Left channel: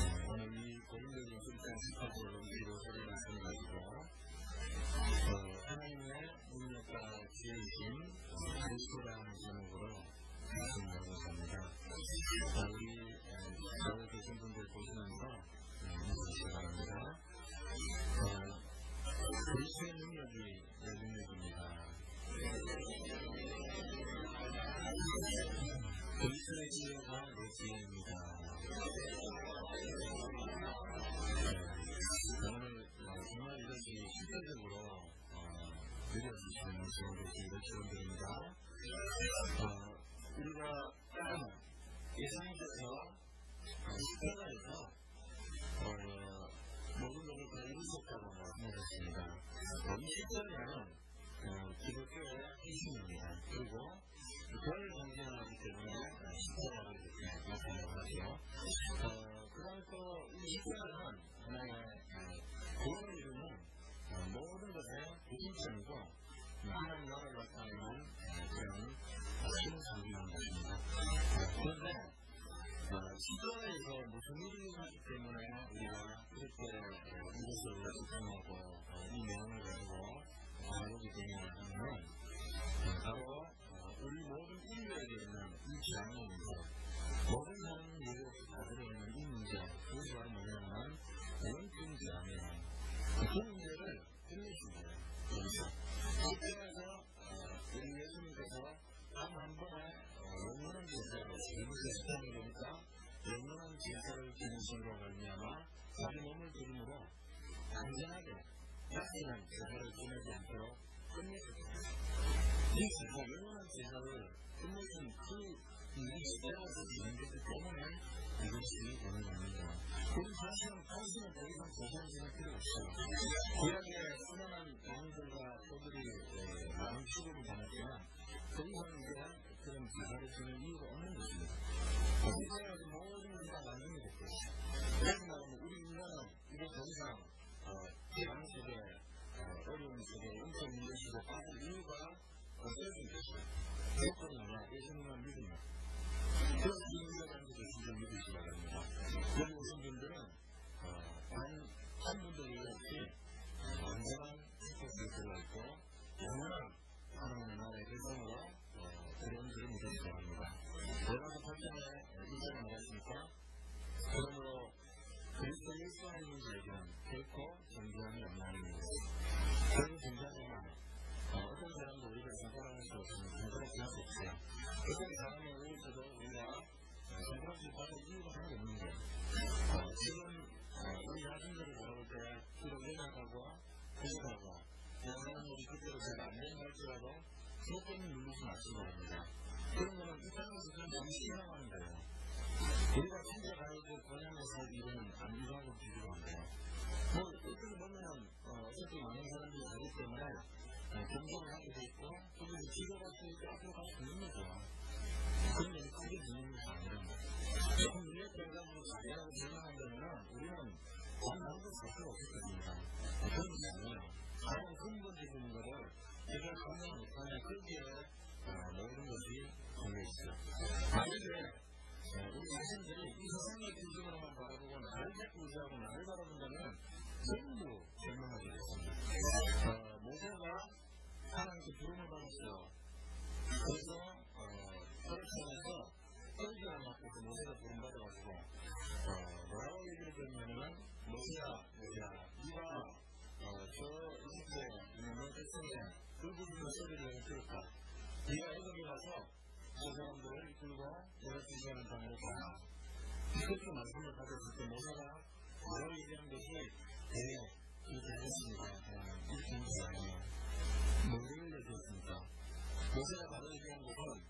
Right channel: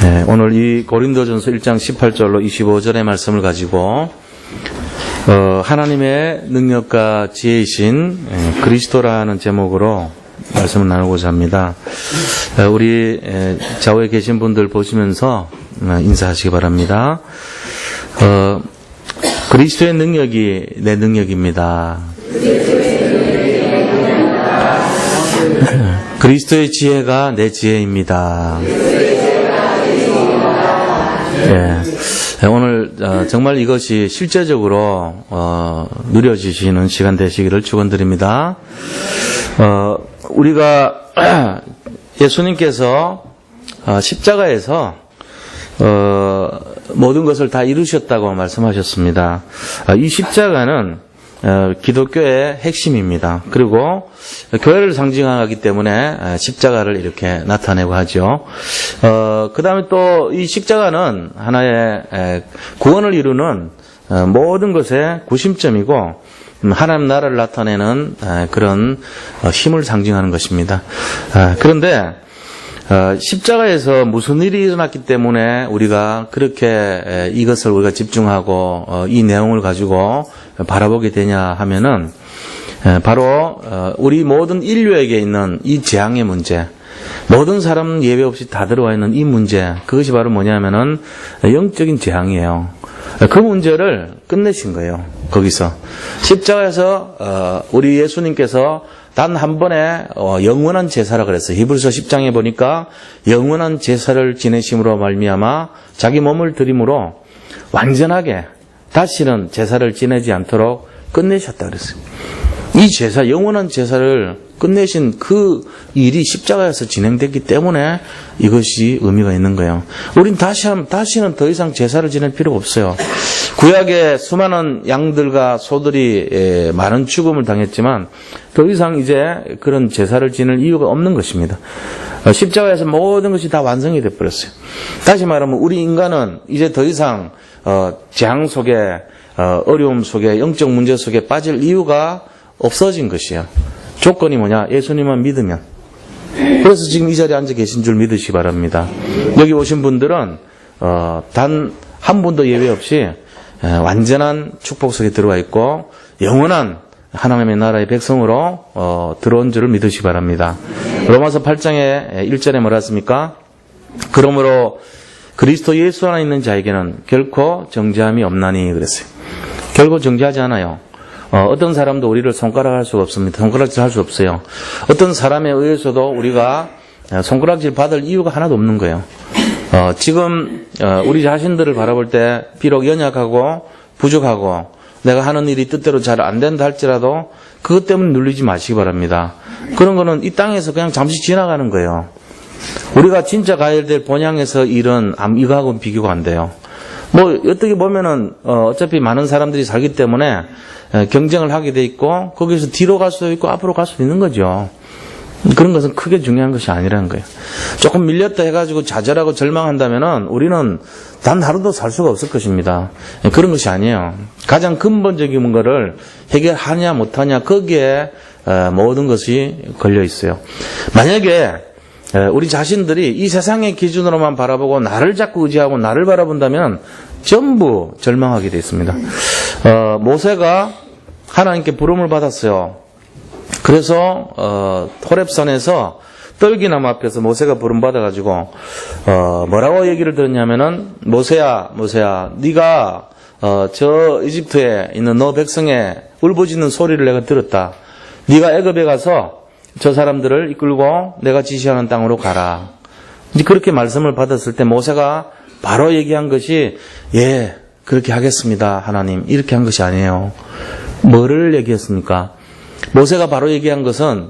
네, 오늘 이 고린도전서 1장 18절로 25절의 말씀을 가지고 하나님의 능력과 지혜이신 그리스도라는 제목으로 말씀을 나누고자 합니다. 우리 좌우에 계신 분들 보시면서 인사하시기 바랍니다. 그리스도의 능력이 내 능력입니다. 그리스도의 지혜가 내 지혜입니다. 예, 오늘 정말 이것이 실제적으로 누려지시는 시간 되시기를 축원드립니다. 우리가 예수님께서 십자가에서 모든 것을 다 이루셨다고 말씀하셨습니다. 이 십자가는 기독교의 핵심입니다. 그리고 교회를 상징하기 때문에 십자가를 이렇게 나타내고 하죠. 그 다음에 또 이 십자가는 하나의 구원을 이루는 모든 것의 구심점이고 하나님 나라를 나타내는 그런 힘을 상징하는 것입니다. 그런데 십자가에서 무슨 일이 일어났기 때문에 우리가 그렇게 이것을 우리가 집중하고 이 내용을 가지고 바라보게 되냐 하면은 바로 우리 모든 인류에게 있는 이 재앙의 문제, 모든 사람 예외 없이 다 들어와 있는 이 문제, 그것이 바로 뭐냐면은 영적인 재앙이에요. 그 문제를 끝내신 거예요. 거기서 십자가에서 우리 예수님께서 단 한 번에 영원한 제사라 그랬어요. 히브리서 10장에 보니까 영원한 제사를 지내심으로 말미암아 자기 몸을 드림으로 완전하게 다시는 제사를 지내지 않도록 끝내셨다 그랬어요. 이 제사, 영원한 제사를 끝내신 그 일이 십자가에서 진행됐기 때문에 이것이 의미가 있는 거예요. 우린 다시는 더 이상 제사를 지낼 필요가 없어요. 구약에 수많은 양들과 소들이 많은 죽음을 당했지만 더 이상 이제 그런 제사를 지낼 이유가 없는 것입니다. 십자가에서 모든 것이 다 완성이 되어버렸어요. 다시 말하면 우리 인간은 이제 더 이상 재앙 속에 어려움 속에 영적 문제 속에 빠질 이유가 없어진 것이에요. 조건이 뭐냐? 예수님만 믿으면. 그래서 지금 이 자리에 앉아 계신 줄 믿으시기 바랍니다. 여기 오신 분들은 단 한 분도 예외 없이 완전한 축복 속에 들어와 있고 영원한 하나님의 나라의 백성으로 들어온 줄을 믿으시기 바랍니다. 로마서 8장의 1절에 뭐라 했습니까? 그러므로 그리스도 예수 안에 있는 자에게는 결코 정죄함이 없나니 그랬어요. 결코 정죄하지 않아요. 어떤 사람도 우리를 손가락할 수가 없습니다. 손가락질 할 수 없어요. 어떤 사람에 의해서도 우리가 손가락질 받을 이유가 하나도 없는 거예요. 지금 우리 자신들을 바라볼 때 비록 연약하고 부족하고 내가 하는 일이 뜻대로 잘 안 된다 할지라도 그것 때문에 눌리지 마시기 바랍니다. 그런 거는 이 땅에서 그냥 잠시 지나가는 거예요. 우리가 진짜 가야 될 본향에서 일은 이거하고는 비교가 안 돼요. 뭐 어떻게 보면은 어차피 많은 사람들이 살기 때문에 경쟁을 하게 돼 있고 거기서 뒤로 갈 수도 있고 앞으로 갈 수도 있는 거죠. 그런 것은 크게 중요한 것이 아니라는 거예요. 조금 밀렸다 해가지고 좌절하고 절망한다면은 우리는 단 하루도 살 수가 없을 것입니다. 그런 것이 아니에요. 가장 근본적인 거를 해결하냐 못하냐 거기에 모든 것이 걸려 있어요. 만약에 우리 자신들이 이 세상의 기준으로만 바라보고 나를 자꾸 의지하고 나를 바라본다면 전부 절망하게 되어 있습니다. 모세가 하나님께 부름을 받았어요. 그래서 호렙산에서 떨기나무 앞에서 모세가 부름 받아가지고 뭐라고 얘기를 들었냐면은 모세야 네가 저 이집트에 있는 너 백성의 울부짖는 소리를 내가 들었다. 네가 애굽에 가서 저 사람들을 이끌고 내가 지시하는 땅으로 가라. 이제 그렇게 말씀을 받았을 때 모세가 바로 얘기한 것이 예 그렇게 하겠습니다 하나님 이렇게 한 것이 아니에요. 뭐를 얘기했습니까? 모세가 바로 얘기한 것은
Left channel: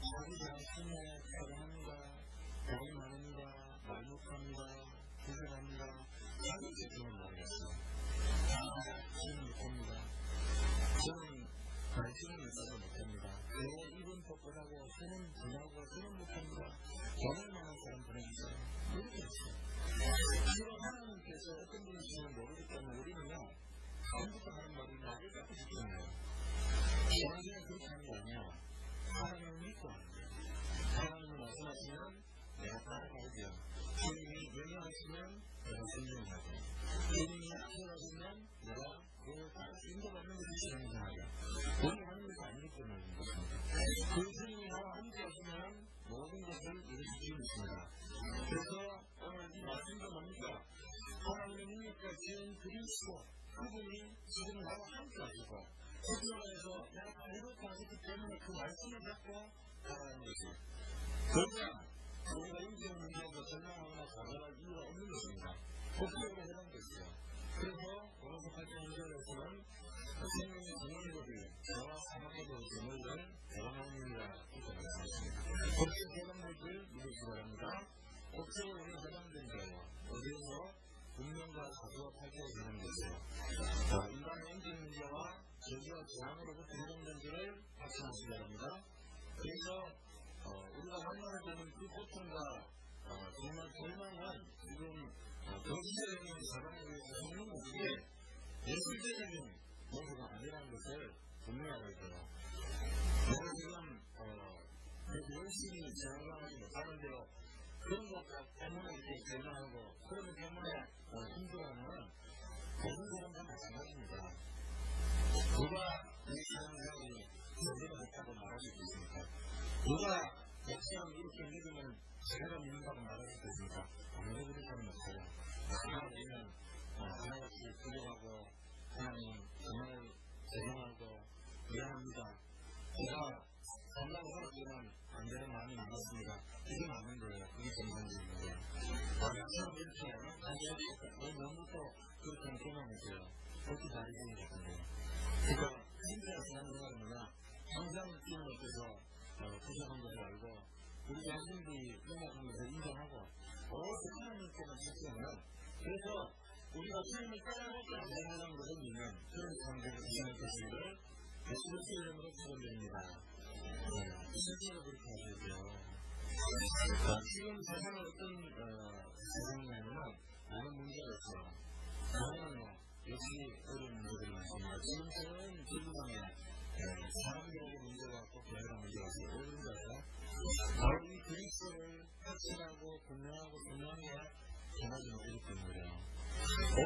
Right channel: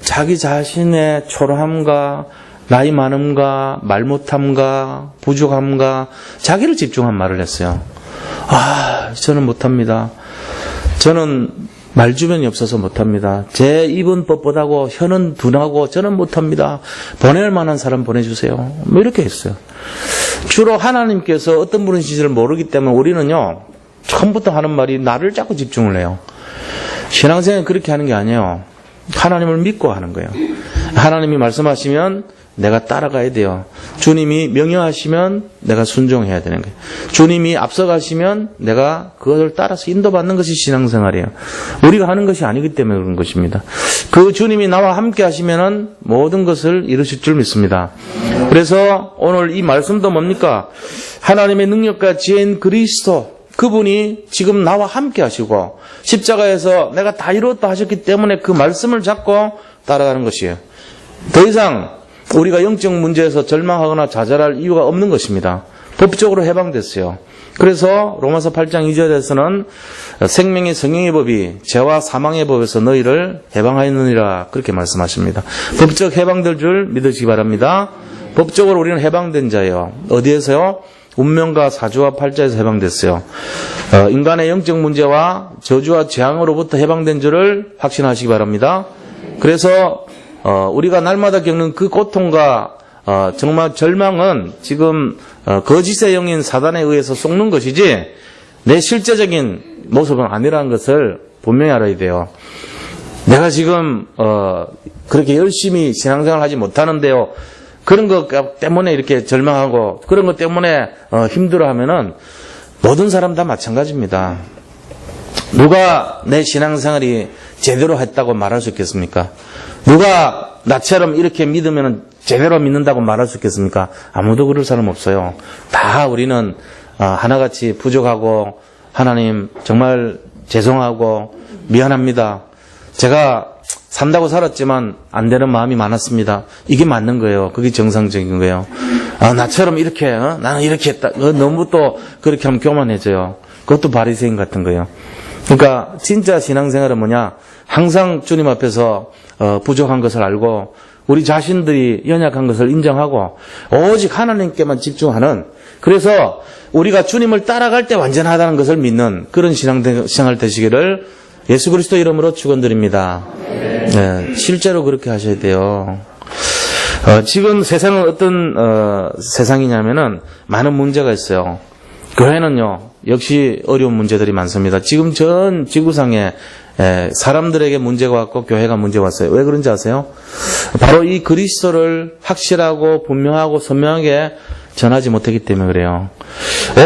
자기 자신의 초라함과 나이 많음과 말 못함과 부족함과 자기를 집중한 말을 했어요. 저는 못합니다. 저는 말주변이 없어서 못합니다. 제 입은 뻣뻣하고 혀는 둔하고 저는 못합니다. 보낼 만한 사람 보내주세요. 뭐 이렇게 했어요. 주로 하나님께서 어떤 분이신지를 모르기 때문에 우리는요 처음부터 하는 말이 나를 자꾸 집중을 해요. 신앙생활은 그렇게 하는 게 아니에요. 하나님을 믿고 하는 거예요. 하나님이 말씀하시면 내가 따라가야 돼요. 주님이 명령하시면 내가 순종해야 되는 거예요. 주님이 앞서가시면 내가 그것을 따라서 인도받는 것이 신앙생활이에요. 우리가 하는 것이 아니기 때문에 그런 것입니다. 그 주님이 나와 함께 하시면은 모든 것을 이루실 줄 믿습니다. 그래서 오늘 이 말씀도 뭡니까? 하나님의 능력과 지혜인 그리스도, 그분이 지금 나와 함께 하시고 십자가에서 내가 다 이루었다 하셨기 때문에 그 말씀을 잡고 따라가는 것이에요. 더 이상 우리가 영적 문제에서 절망하거나 좌절할 이유가 없는 것입니다. 법적으로 해방됐어요. 그래서 로마서 8장 2절에서는 생명의 성령의 법이 죄와 사망의 법에서 너희를 해방하였느니라 그렇게 말씀하십니다. 법적 해방될 줄 믿으시기 바랍니다. 법적으로 우리는 해방된 자예요. 어디에서요? 운명과 사주와 팔자에서 해방됐어요. 인간의 영적 문제와 저주와 재앙으로부터 해방된 줄을 확신하시기 바랍니다. 그래서 우리가 날마다 겪는 그 고통과 정말 절망은 지금 거짓의 영인 사단에 의해서 속는 것이지 내 실제적인 모습은 아니라는 것을 분명히 알아야 돼요. 내가 지금 그렇게 열심히 신앙생활을 하지 못하는데요, 그런 것 때문에 이렇게 절망하고 그런 것 때문에 힘들어하면은 모든 사람 다 마찬가지입니다. 누가 내 신앙생활이 제대로 했다고 말할 수 있겠습니까? 누가 나처럼 이렇게 믿으면 제대로 믿는다고 말할 수 있겠습니까? 아무도 그럴 사람 없어요. 다 우리는 하나같이 부족하고 하나님 정말 죄송하고 미안합니다. 제가 산다고 살았지만 안 되는 마음이 많았습니다. 이게 맞는 거예요. 그게 정상적인 거예요. 나처럼 이렇게 나는 이렇게 했다. 너무 또 그렇게 하면 교만해져요. 그것도 바리새인 같은 거예요. 그러니까 진짜 신앙생활은 뭐냐? 항상 주님 앞에서 부족한 것을 알고 우리 자신들이 연약한 것을 인정하고 오직 하나님께만 집중하는, 그래서 우리가 주님을 따라갈 때 완전하다는 것을 믿는 그런 신앙생활 되시기를 예수 그리스도 이름으로 축원드립니다. 네, 실제로 그렇게 하셔야 돼요. 지금 세상은 어떤 세상이냐면은 많은 문제가 있어요. 교회는요 역시 어려운 문제들이 많습니다. 지금 전 지구상에 사람들에게 문제가 왔고 교회가 문제가 왔어요. 왜 그런지 아세요? 바로 이 그리스도를 확실하고 분명하고 선명하게 전하지 못했기 때문에 그래요.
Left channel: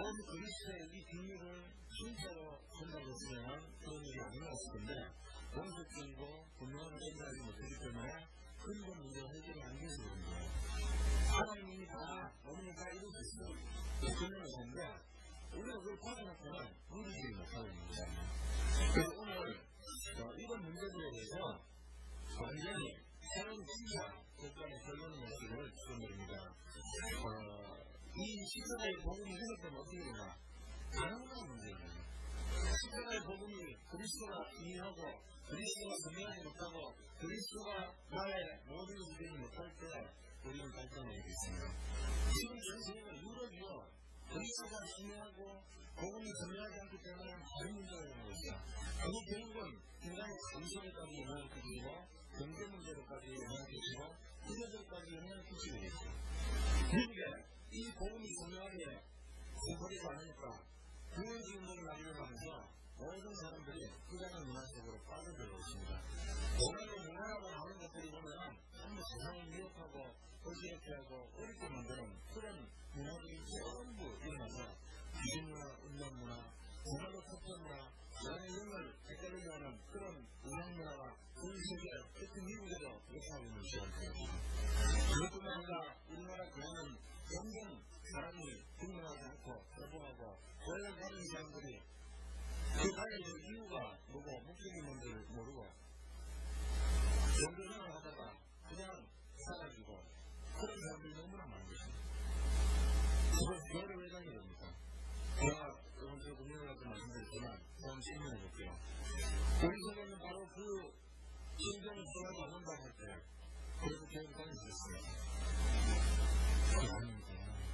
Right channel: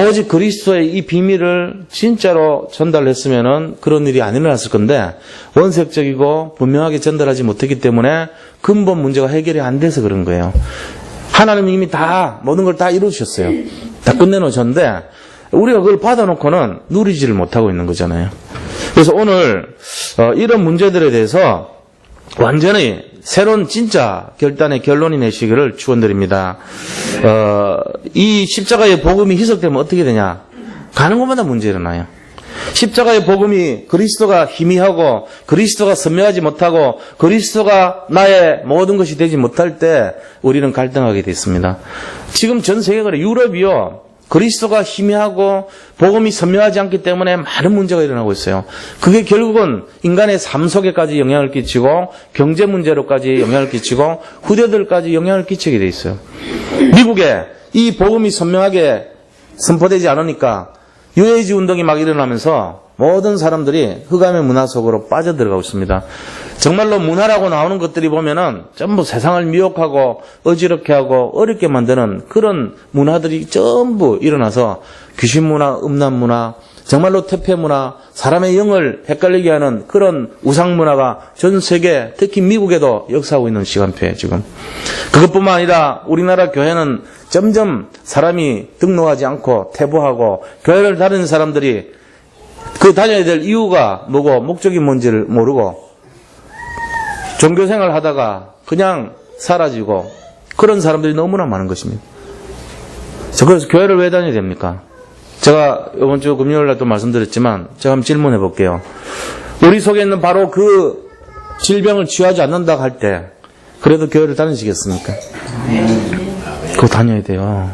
오직 그리스도의 이 비밀을 진짜로 전달했으면은 그런 일이 안 일어났을 건데 원색적이고 분명하게 전달하지 못했기 때문에 근본 문제가 해결이 안 돼서 그런 거예요. 하나님이 이미 다 모든 걸 다 이루셨어요. 다 끝내놓으셨는데 우리가 그걸 받아놓고는 누리지를 못하고 있는 거잖아요. 그래서 오늘 이런 문제들에 대해서 완전히 새로운 진짜 결단의 결론이 내시기를 축원드립니다. 이 십자가의 복음이 희석되면 어떻게 되냐? 가는 곳마다 문제 일어나요. 십자가의 복음이 그리스도가 희미하고 그리스도가 선명하지 못하고 그리스도가 나의 모든 것이 되지 못할 때 우리는 갈등하게 됐습니다. 지금 전 세계가 그래요. 유럽이요. 그리스도가 희미하고 복음이 선명하지 않기 때문에 많은 문제가 일어나고 있어요. 그게 결국은 인간의 삶 속에까지 영향을 끼치고 경제 문제로까지 영향을 끼치고 후대들까지 영향을 끼치게 돼 있어요. 미국에 이 복음이 선명하게 선포되지 않으니까 유해지 운동이 막 일어나면서 모든 사람들이 흑암의 문화 속으로 빠져들어가고 있습니다. 정말로 문화라고 나오는 것들이 보면은 전부 세상을 미혹하고 어지럽게 하고 어렵게 만드는 그런 문화들이 전부 일어나서 귀신 문화, 음란 문화, 정말로 퇴폐 문화, 사람의 영을 헷갈리게 하는 그런 우상 문화가 전 세계, 특히 미국에도 역사하고 있는 시간표예요, 지금. 그것뿐만 아니라 우리나라 교회는 점점 사람이 등록하지 않고 퇴보하고 교회를 다니는 사람들이 그 다녀야 될 이유가 뭐고 목적이 뭔지를 모르고 종교생활 하다가 그냥 사라지고 그런 사람들이 너무나 많은 것입니다. 그래서 교회를 왜 다녀야 됩니까? 제가 이번 주 금요일 날 또 말씀드렸지만 제가 한번 질문해 볼게요. 우리 속에 있는 바로 그 질병을 치유하지 않는다고 할 때 그래도 교회를 다니시겠습니까? 그거 다녀야 돼요.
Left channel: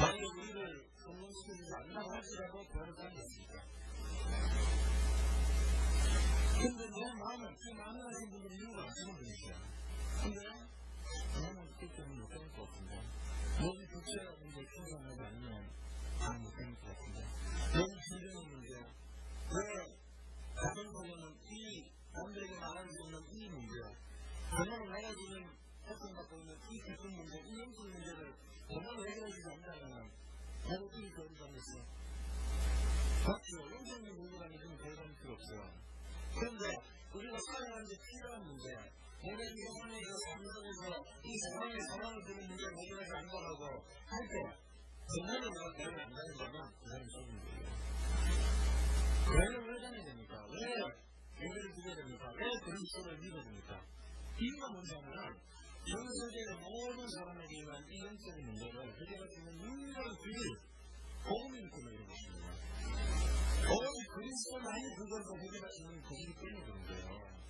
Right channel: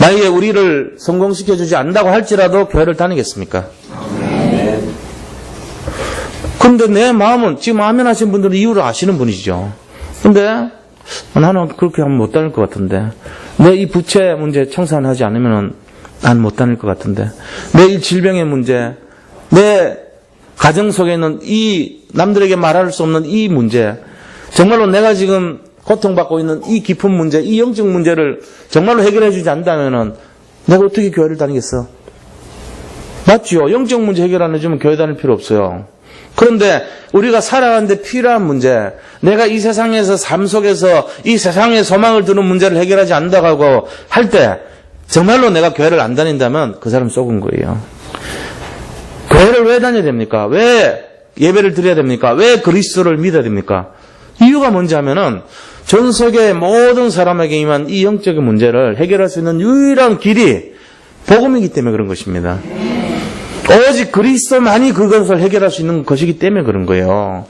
만약에 우리를 성공시켜주지 않는다고 할지라도 교회를 다니겠습니까? 근데 내 마음은 지금 아멘하신 분들은 이유를 아시는 분이시죠. 근데 나는 그렇게 하면 못 다닐 것 같은데, 내 이 부채 문제 청산하지 않으면 난 못 다닐 것 같은데, 내 이 질병의 문제, 내 가정 속에 있는 이 남들에게 말할 수 없는 이 문제, 정말로 내가 지금 고통받고 있는 이 깊은 문제, 이 영적 문제를 정말로 해결해 주지 않는다면은 내가 어떻게 교회를 다니겠어? 맞죠? 영적 문제 해결 안 해주면 교회 다닐 필요 없어요. 그런데 우리가 살아가는데 필요한 문제, 내가 이 세상에서 삶 속에서 이 세상의 소망을 두는 문제를 해결하지 않는다고 할 때 정말로 내가 교회를 안 다닌다면 그 사람 속은 거예요. 교회를 왜 다녀야 됩니까? 왜 예배를 드려야 됩니까? 왜 그리스도를 믿어야 됩니까? 이유가 뭔지 하면은 전 세계 모든 사람에게 임한 이 영적인 문제를 해결할 수 있는 유일한 길이 복음이기 때문에 그런 것입니다. 오직 그리스도만이 그것을 해결할 수 있는 것이기 때문에 그런 거예요.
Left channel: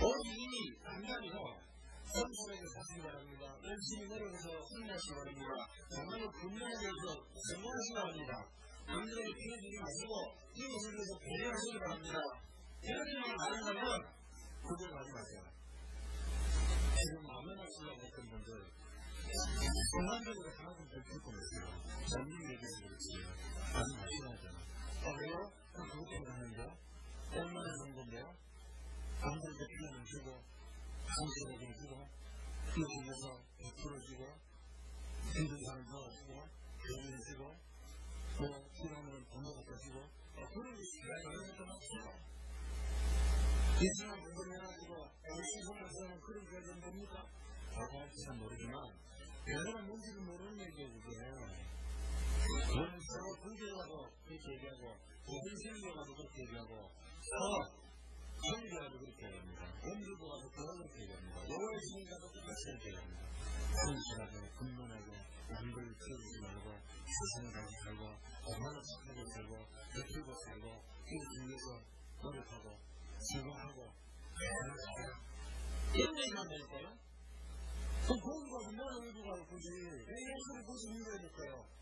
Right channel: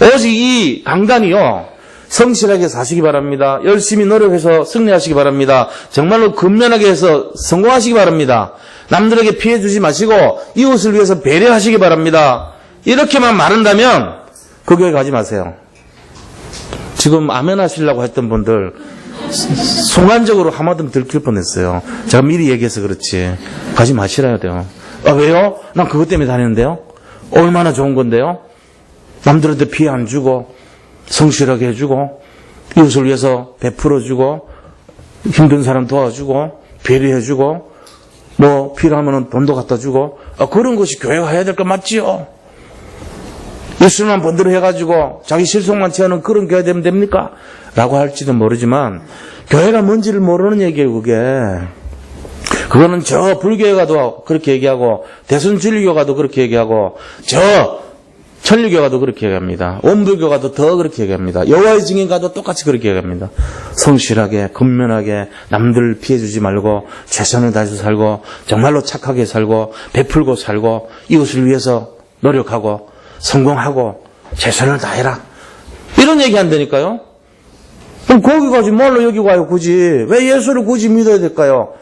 오직 이 강단이요, 성실하게 사시기 바랍니다. 열심히 노력해서 승리하시기 바랍니다. 정말로 근면하게 해서 성공하시기 바랍니다. 남들에게 피해 주지 마시고 이웃을 위해서 배려하시기 바랍니다. 이렇게만 말한다면 그 교회 가지 마세요. 지금 아멘 하시려고 했던 분들 순간적으로 하마등 들킬 뻔했어요. 제가 미리 얘기해서 그렇지. 가지 마시라야 돼요. 아, 왜요? 난 그것 때문에 다니는데요. 얼마나 좋은 건데요. 남들한테 피해 안 주고 성실하게 해주고 이웃을 위해서 베풀어주고 힘든 사람 도와주고 배려해주고 뭐 필요하면 돈도 갖다 주고 그런 것이 교회가 해야 될 거 맞지요? 예수님만 번들어 해가지고 자기 실속만 채우는 그런 교회 되면 됩니까? 라고 할지도 모르지만 교회가 뭔지를 모르는 얘기예요. 그거는 저 불교가도 그렇게 얘기하고 대순진리교가도 그렇게 얘기하고 저 천리교가도 그렇게 얘기합니다. 원불교가도 더 그렇게 얘기합니다. 여호와의 증인가도 똑같이 그렇게 얘기합니다. 성실하게 근면하게 남들 피해주지 말고 최선을 다해서 살고 정말로 착하게 살고 베풀고 살고 이웃을 위해서 노력하고 성공하고 최선을 다해라. 이런 얘기 한다니까요. 그럼 거기 가지 뭘로 여기 와요 굳이. 왜 예수를 굳이 믿어야 될까요?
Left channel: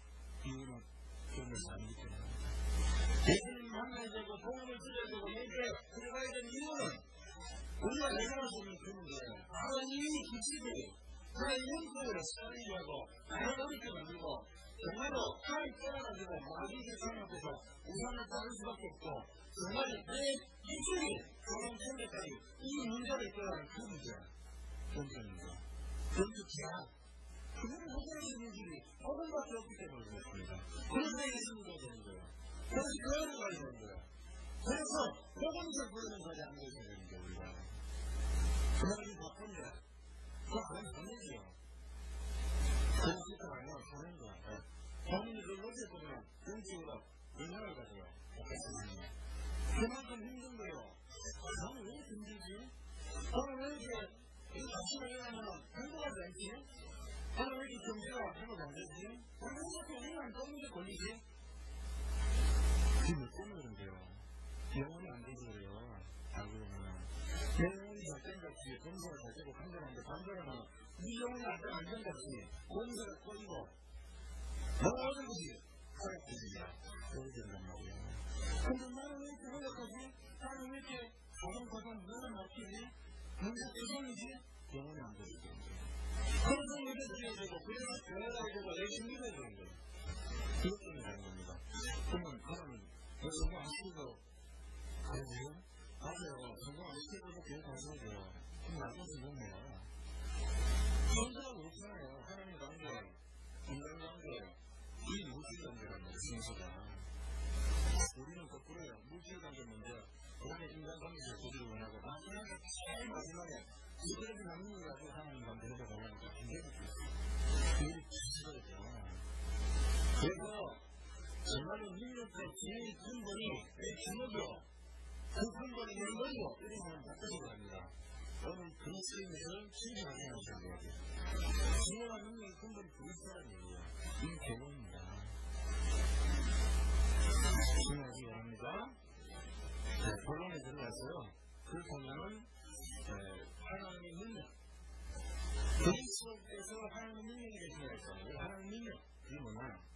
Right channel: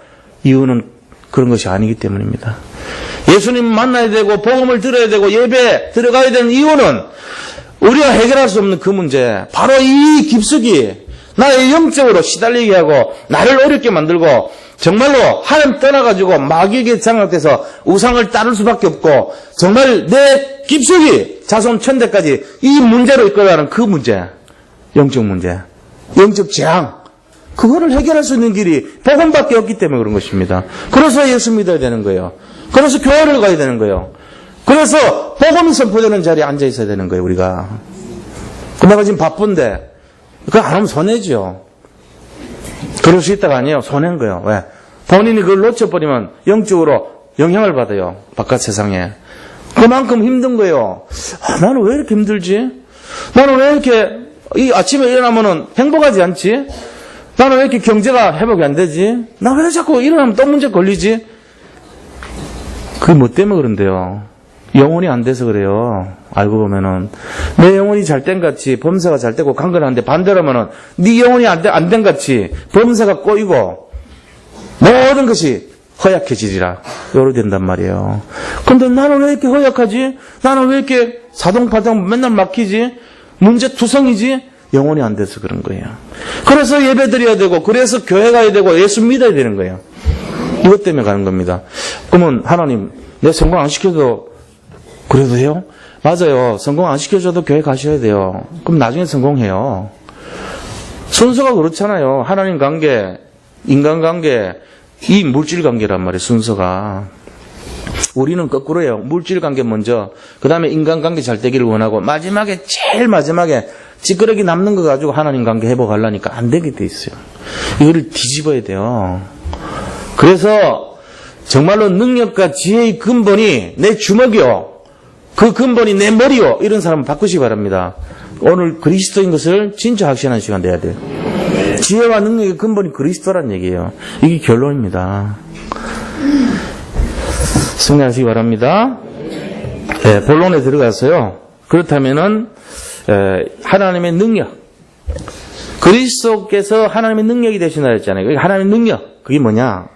이유는 그런 것이 아니기 때문입니다. 예수님 만나야 되고 복음을 들어야 되고 예배 들어가야 되는 이유는 우리가 해결할 수 없는 그 문제, 바로 이 깊숙이 나의 영적으로 시달리게 하고 나를 어렵게 만들고 정말로 하나님 떠나가지고 마귀에게 장악돼서 우상을 따를 수밖에 없고 정말 내 깊숙이 자손 천대까지 이 문제로 이끌어가는 그 문제, 영적 문제, 영적 재앙, 그거를 해결할 수 있는 길이 복음밖에 없기 때문에 그런 것입니다. 그래서 예수 믿어야 되는 거예요. 그래서 교회를 가야 되는 거예요. 그래서 복음이 선포되는 자리에 앉아 있어야 되는 거예요, 우리가. 내가 지금 바쁜데 그거 안 하면 손해죠. 그럴 수 있다가 아니에요. 손해인 거예요. 왜? 본인이 그걸 놓쳐버리면 영적으로 영향을 받아요. 바깥 세상에. 그만큼 힘든 거예요. 나는 왜 이렇게 힘들지? 나는 왜 이렇게 이 아침에 일어나면은 행복하지 않지? 나는 왜 이렇게 경제가 회복이 안 되지? 나 왜 자꾸 일어나면 또 문제 걸리지? 그게 뭐 때문에 그런데요? 영혼이 안 돼서 그래요. 알고 보면은 내 영혼이 잘된 같이 범사가 잘 되고 강건한데 반대로 하면은 네 영혼이 안 된 같이 범사가 꼬이고 모든 것이 허약해지리라. 요로 된단 말이에요. 근데 나는 왜 이렇게 허약하지? 나는 왜 이렇게 사동파동 맨날 막히지? 문제투성이지? 영혼이 안 돼서 그런 거예요. 그래서 예배 드려야 되고 그래서 교회 가야 되고 예수 믿어야 되는 거예요. 이것 때문에 가는 겁니다. 그러면 하나님 내 성공 안 시켜도 그래도 해요? 맞아요. 성공 안 시켜줘도 교회 가셔야 돼요. 그럼 나중에 성공해요. 순서가 그렇잖아요. 하나님 관계, 인간 관계, 이 물질 관계란 말이에요. 순서가. 우리는 거꾸로예요. 물질 관계 먼저, 그 다음에 인간 관계 잘 되기를 원하고 마지막에 제일 마지막에 찌끄러기 남는 거 가지고 하나님 관계 회복하려니까 안 되게 돼 있어요. 이거를 뒤집어야 돼요. 그래서 정말로 능력과 지혜의 근본이 내 주먹이요. 그 근본이 내 머리요. 이런 사람은 바꾸시기 바랍니다. 오늘 그리스도인 것을 진짜 확신하는 시간 내야 돼요. 지혜와 능력의 근본이 그리스도란 얘기예요. 이게 결론입니다. 승리하시기 바랍니다. 네, 본론에 들어가서요. 그렇다면은 하나님의 능력, 그리스도께서 하나님의 능력이 되시나 했잖아요. 하나님의 능력, 그게 뭐냐?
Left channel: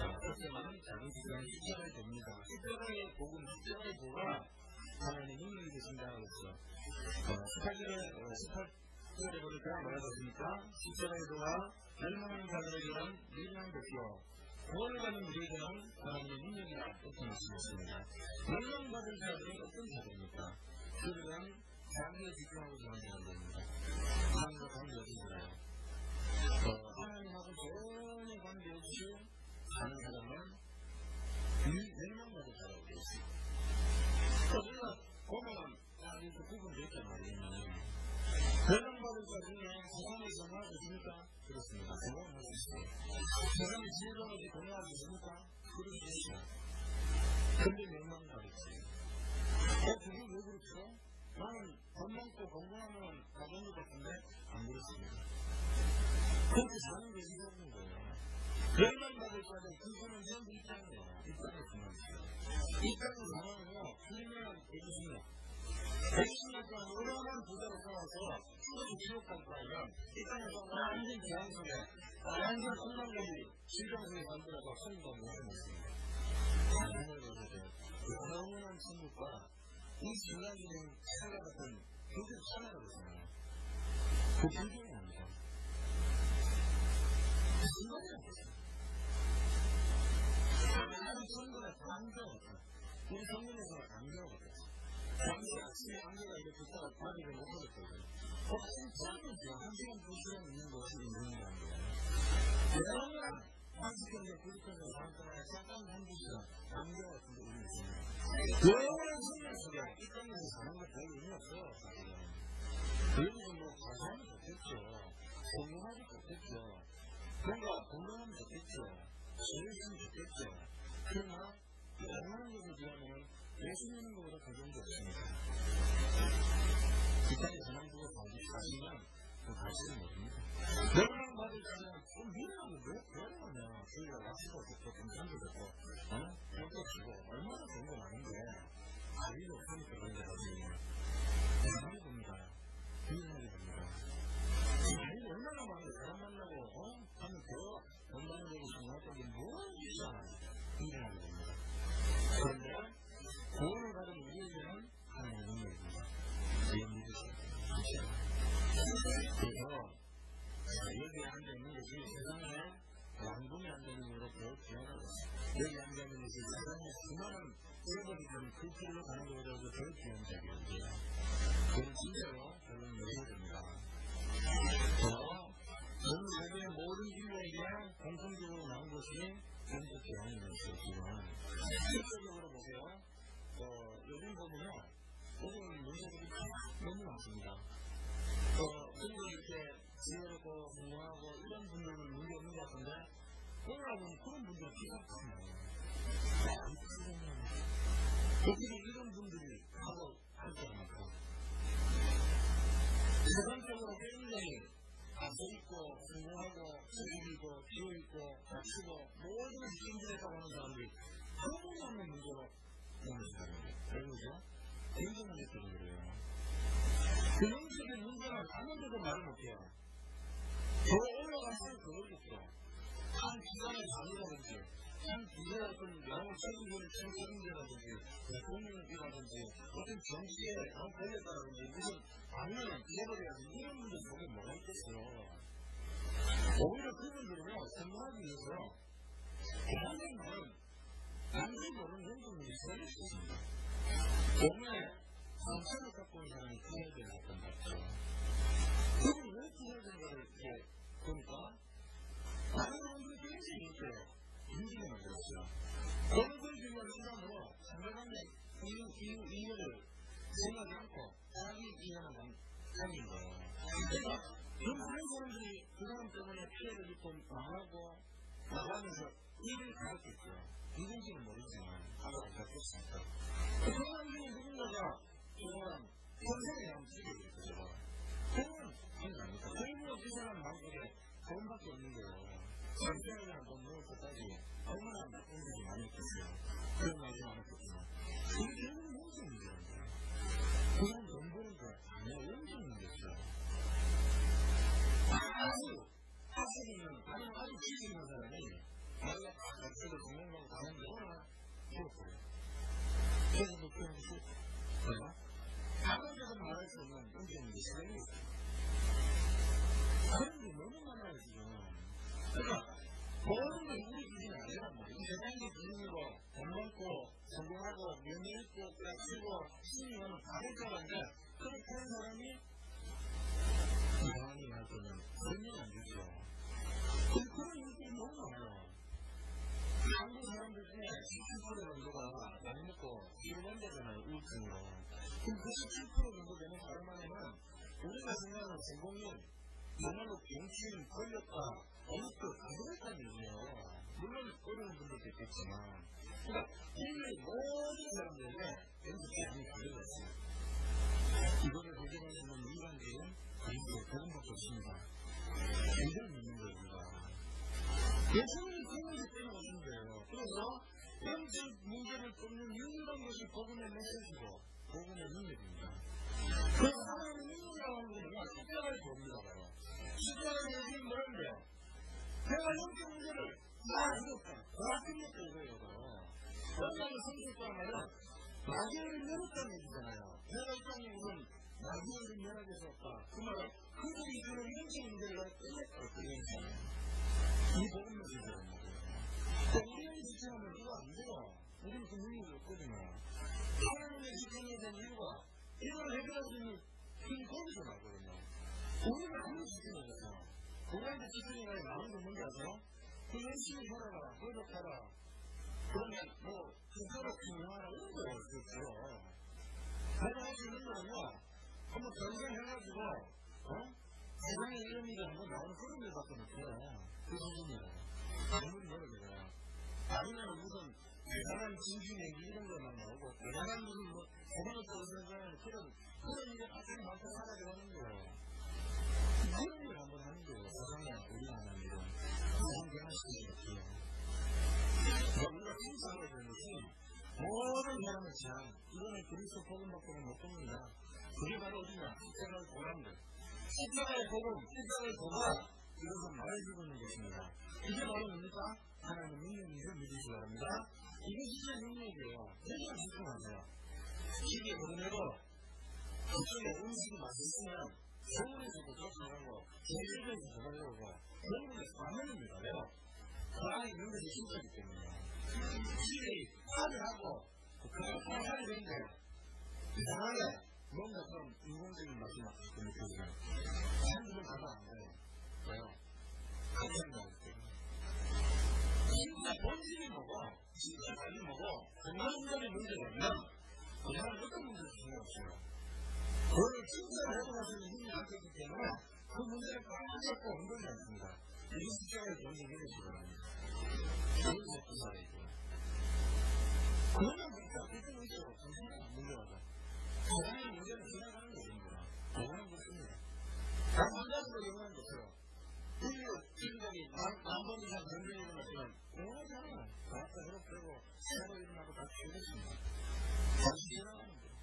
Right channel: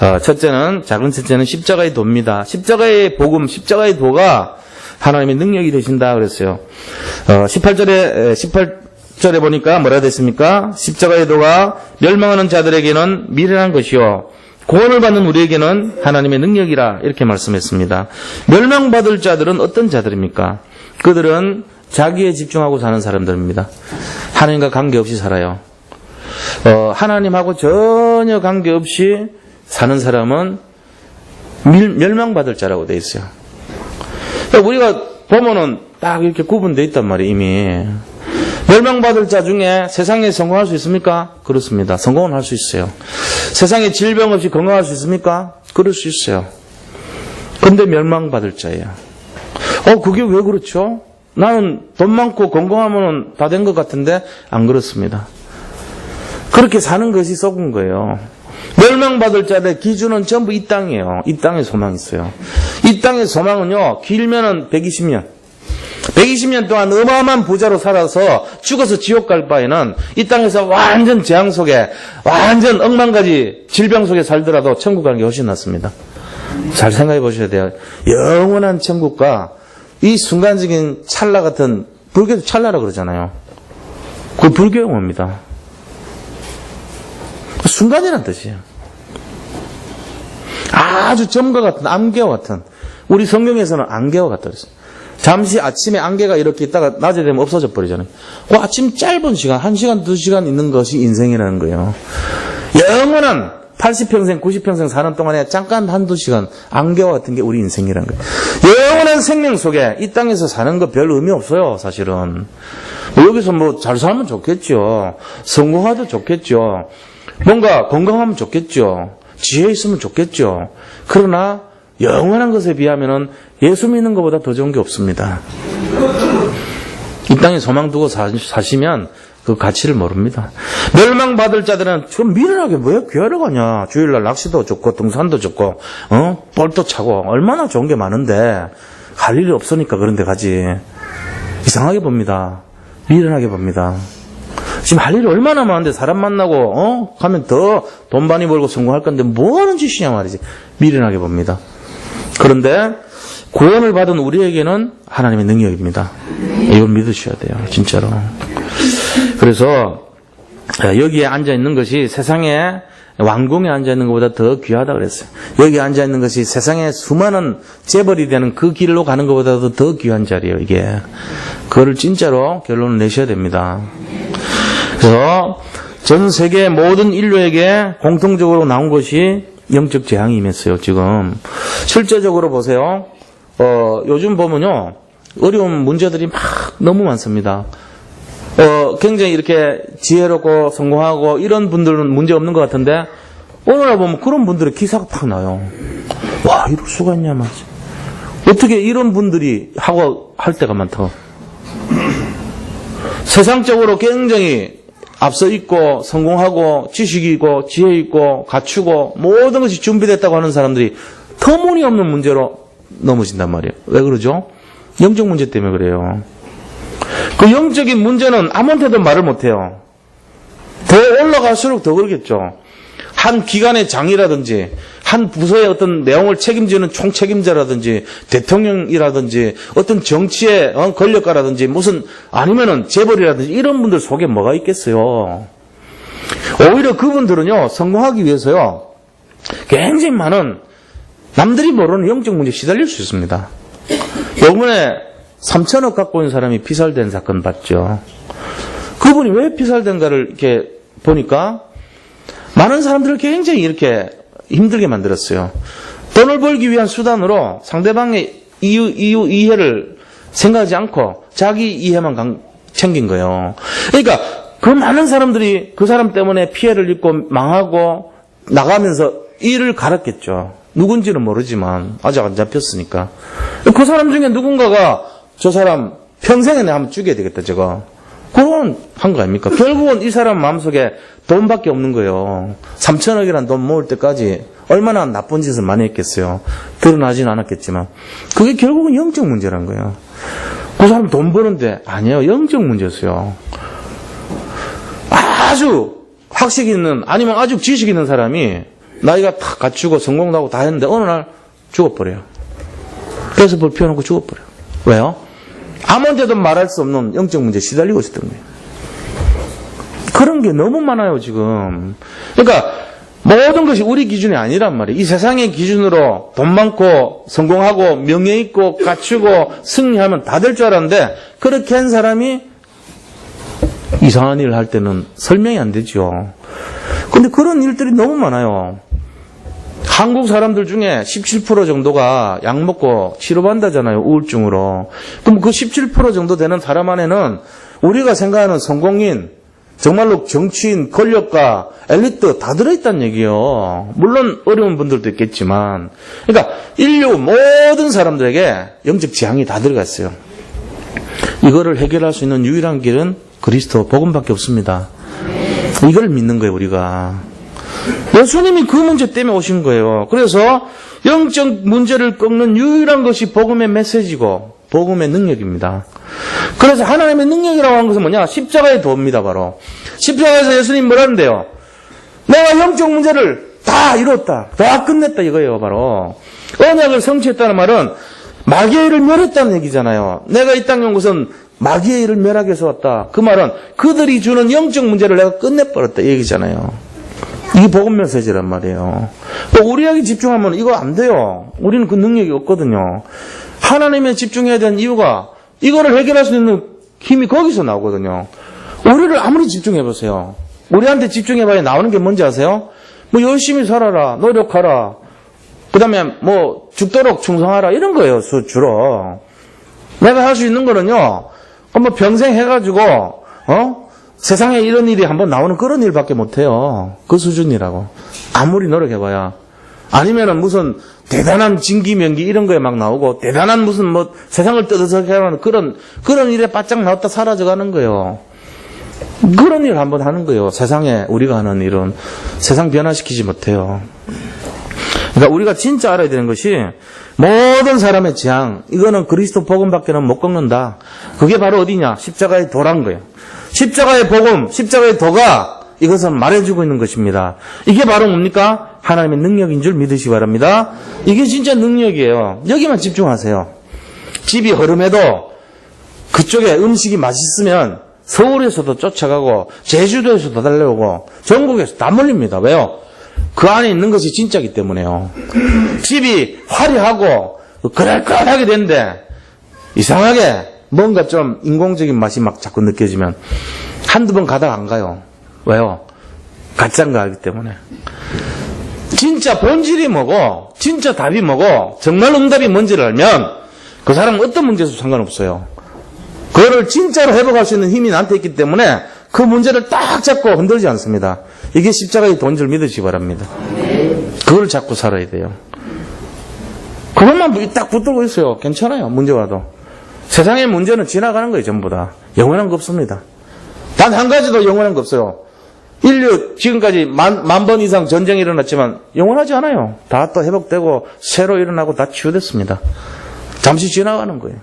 작은 첫째는 십자가의 도입니다. 십자가의 복음, 십자가의 도가 하나님의 능력이 되신다 그랬어요. 18절에 보니까 뭐라 됐습니까? 십자가의 도가 멸망하는 자들에게는 미련한 것이요 구원을 받는 우리에게는 하나님의 능력이라 이렇게 말씀했습니다. 멸망받을 자들은 어떤 자들입니까? 그들은 자기에 집중하고 사는 사람들입니다. 하나님과 관계없이 살아요. 하나님하고 전혀 관계없이 사는 사람은 멸망받을 자라고 돼 있어요. 우리가 보면은 딱 이렇게 구분되어 있단 말이에요, 이미. 멸망받을 자 중에 세상에 성공할 수 있습니까? 그렇습니다. 성공은 할 수 있어요. 세상에 질병 없이 건강할 수 있습니까? 그럴 수 있어요. 근데 멸망받을 자예요. 그게 왜 그렇죠? 나는 돈 많고 건강하면 다 된 것 같은데 안 그렇습니다. 그렇게 사는 것이 썩은 거예요. 멸망받을 자들의 기준은 전부 이 땅이에요. 이 땅에 소망이 있어요. 이 땅의 소망은요, 길면은 120년. 120년 동안 어마어마한 부자로 살아서 죽어서 지옥 갈 바에는 이 땅에서 완전 재앙 속에, 완전 억만가지 질병 속에 살더라도 천국 가는 게 훨씬 낫습니다. 잘 생각해 보셔야 돼요. 영원한 천국과 이 순간적인 찰나 같은, 불교도 찰나라 그러잖아요. 그 불교 용어입니다. 순간이란 뜻이에요. 아주 점과 같은, 안개와 같은. 우리 성경에서는 안개와 같다 그랬어요. 잠시 아침에 안개가 이렇게 있다가 낮에 되면 없어져 버리잖아요. 그 아침 짧은 시간, 1시간, 2시간 있는 것이 인생이라는 거예요. 영원한 80평생, 90평생 사는 동안에 잠깐 1-2시간 안개와 같은 게 우리 인생이라는 거예요. 영원한 생명 속에 이 땅에서 사는 거 별 의미 없어요, 사실은. 여기서 잘 살면 좋겠죠. 성공하도 좋겠죠. 뭔가 건강하면 좋겠죠. 지혜 있으면 좋겠죠. 그러나 영원한 것에 비하면은 예수 믿는 것보다 더 좋은 게 없습니다. 이 땅에 소망 두고 사시면 그 가치를 모릅니다. 멸망받을 자들은 좀 미련하게 왜 교회를 가냐. 주일날 낚시도 좋고 등산도 좋고 볼도 차고 얼마나 좋은 게 많은데 갈 일이 없으니까 그런 데 가지. 이상하게 봅니다. 미련하게 봅니다. 지금 할 일이 얼마나 많은데 사람 만나고 가면 더 돈 많이 벌고 성공할 건데 뭐 하는 짓이냐 말이지. 미련하게 봅니다. 그런데 구원을 받은 우리에게는 하나님의 능력입니다. 이걸 믿으셔야 돼요. 진짜로. 그래서 여기에 앉아있는 것이 세상에 왕궁에 앉아있는 것보다 더 귀하다 그랬어요. 여기에 앉아있는 것이 세상에 수많은 재벌이 되는 그 길로 가는 것보다도 더 귀한 자리예요. 이게. 그거를 진짜로 결론을 내셔야 됩니다. 그래서 전 세계 모든 인류에게 공통적으로 나온 것이 영적 재앙이 임했어요. 지금 실제적으로 보세요. 요즘 보면요, 어려운 문제들이 막 너무 많습니다. 굉장히 이렇게 지혜롭고 성공하고 이런 분들은 문제 없는 것 같은데 오늘날 보면 그런 분들의 기사가 팍 나요. 와, 이럴 수가 있냐 말이지. 어떻게 이런 분들이 하고 할 때가 많다. 세상적으로 굉장히 앞서 있고 성공하고 지식이 있고 지혜 있고 갖추고 모든 것이 준비됐다고 하는 사람들이 터무니없는 문제로 넘어진단 말이에요. 왜 그러죠? 영적 문제 때문에 그래요. 그 영적인 문제는 아무한테도 말을 못해요. 더 올라갈수록 더 그러겠죠. 한 기관의 장이라든지 한 부서의 어떤 내용을 책임지는 총책임자라든지 대통령이라든지 어떤 정치의 권력가라든지 무슨 아니면은 재벌이라든지 이런 분들 속에 뭐가 있겠어요. 오히려 그분들은요, 성공하기 위해서요, 굉장히 많은 남들이 모르는 영적 문제에 시달릴 수 있습니다. 요번에 3천억 갖고 있는 사람이 피살된 사건 봤죠. 그분이 왜 피살된가를 이렇게 보니까 많은 사람들을 굉장히 이렇게 힘들게 만들었어요. 돈을 벌기 위한 수단으로 상대방의 이해를 생각하지 않고 자기 이해만 챙긴 거예요. 그러니까 그 많은 사람들이 그 사람 때문에 피해를 입고 망하고 나가면서 일을 갈았겠죠. 누군지는 모르지만 아직 안 잡혔으니까. 그 사람 중에 누군가가 저 사람 평생에 내가 한번 죽여야 되겠다 저거. 그건 한 거 아닙니까? 결국은 이 사람 마음속에 돈밖에 없는 거예요. 3천억이란 돈 모을 때까지 얼마나 나쁜 짓을 많이 했겠어요. 드러나지는 않았겠지만. 그게 결국은 영적 문제란 거예요. 그 사람 돈 버는데 아니에요. 영적 문제였어요. 아주 학식 있는 아니면 아주 지식 있는 사람이 나이가 다 갖추고 성공도 하고 다 했는데 어느 날 죽어버려요. 그래서 불 피워놓고 죽어버려요. 왜요? 아무한테도 말할 수 없는 영적 문제에 시달리고 있었던 거예요. 그런 게 너무 많아요, 지금. 그러니까 모든 것이 우리 기준이 아니란 말이에요. 이 세상의 기준으로 돈 많고 성공하고 명예 있고 갖추고 승리하면 다 될 줄 알았는데 그렇게 한 사람이 이상한 일을 할 때는 설명이 안 되죠. 근데 그런 일들이 너무 많아요. 한국 사람들 중에 17% 정도가 약 먹고 치료받는다잖아요. 우울증으로. 그럼 그 17% 정도 되는 사람 안에는 우리가 생각하는 성공인, 정말로 정치인, 권력가, 엘리트 다 들어있다는 얘기예요. 물론 어려운 분들도 있겠지만. 그러니까 인류 모든 사람들에게 영적 지향이 다 들어가 있어요. 이거를 해결할 수 있는 유일한 길은 그리스도 복음밖에 없습니다. 이걸 믿는 거예요, 우리가. 예수님이 그 문제 때문에 오신 거예요. 그래서 영적 문제를 꺾는 유일한 것이 복음의 메시지고 복음의 능력입니다. 그래서 하나님의 능력이라고 하는 것은 뭐냐? 십자가의 도입니다, 바로. 십자가에서 예수님 뭐라는데요? 내가 영적 문제를 다 이뤘다. 다 끝냈다 이거예요, 바로. 언약을 성취했다는 말은 마귀의 일을 멸했다는 얘기잖아요. 내가 이 땅에 온 것은 마귀의 일을 멸하기 위해서 왔다. 그 말은 그들이 주는 영적 문제를 내가 끝내버렸다 이 얘기잖아요. 이게 복음 메시지란 말이에요. 우리에게 집중하면 이거 안 돼요. 우리는 그 능력이 없거든요. 하나님에 집중해야 되는 이유가 이거를 해결할 수 있는 힘이 거기서 나오거든요. 우리를 아무리 집중해보세요. 우리한테 집중해봐야 나오는 게 뭔지 아세요? 뭐 열심히 살아라, 노력하라, 그 다음에 뭐 죽도록 충성하라 이런 거예요. 주로. 내가 할 수 있는 거는요. 뭐 평생 해가지고 세상에 이런 일이 한번 나오는 그런 일밖에 못해요. 그 수준이라고. 아무리 노력해봐야. 아니면은 무슨 대단한 진기명기 이런 거에 막 나오고 대단한 무슨 뭐 세상을 떠들썩하게 하는 그런 일에 바짝 나왔다 사라져가는 거예요. 그런 일 한번 하는 거예요. 세상에 우리가 하는 일은 세상 변화시키지 못해요. 그러니까 우리가 진짜 알아야 되는 것이 모든 사람의 지향, 이거는 그리스도 복음밖에는 못 꺾는다. 그게 바로 어디냐? 십자가의 도란 거예요. 십자가의 복음, 십자가의 도가 이것은 말해주고 있는 것입니다. 이게 바로 뭡니까? 하나님의 능력인 줄 믿으시기 바랍니다. 이게 진짜 능력이에요. 여기만 집중하세요. 집이 허름해도 그쪽에 음식이 맛있으면 서울에서도 쫓아가고 제주도에서도 달려오고 전국에서 다 몰립니다. 왜요? 그 안에 있는 것이 진짜이기 때문에요. 집이 화려하고 그럴듯하게 되는데 이상하게 뭔가 좀 인공적인 맛이 막 자꾸 느껴지면 한두 번 가다가 안 가요. 왜요? 가짜인 거 알기 때문에. 진짜 본질이 뭐고 진짜 답이 뭐고 정말 응답이 뭔지를 알면 그 사람은 어떤 문제에도 상관없어요. 그거를 진짜로 회복할 수 있는 힘이 나한테 있기 때문에 그 문제를 딱 잡고 흔들지 않습니다. 이게 십자가의 도인 줄 믿으시기 바랍니다. 그걸 잡고 살아야 돼요. 그것만 딱 붙들고 있어요. 괜찮아요. 문제 와도. 세상의 문제는 지나가는 거예요. 전부 다. 영원한 거 없습니다. 단 한 가지도 영원한 거 없어요. 인류 지금까지 만 번 이상 전쟁이 일어났지만 영원하지 않아요. 다 또 회복되고 새로 일어나고 다 치유됐습니다. 잠시 지나가는 거예요.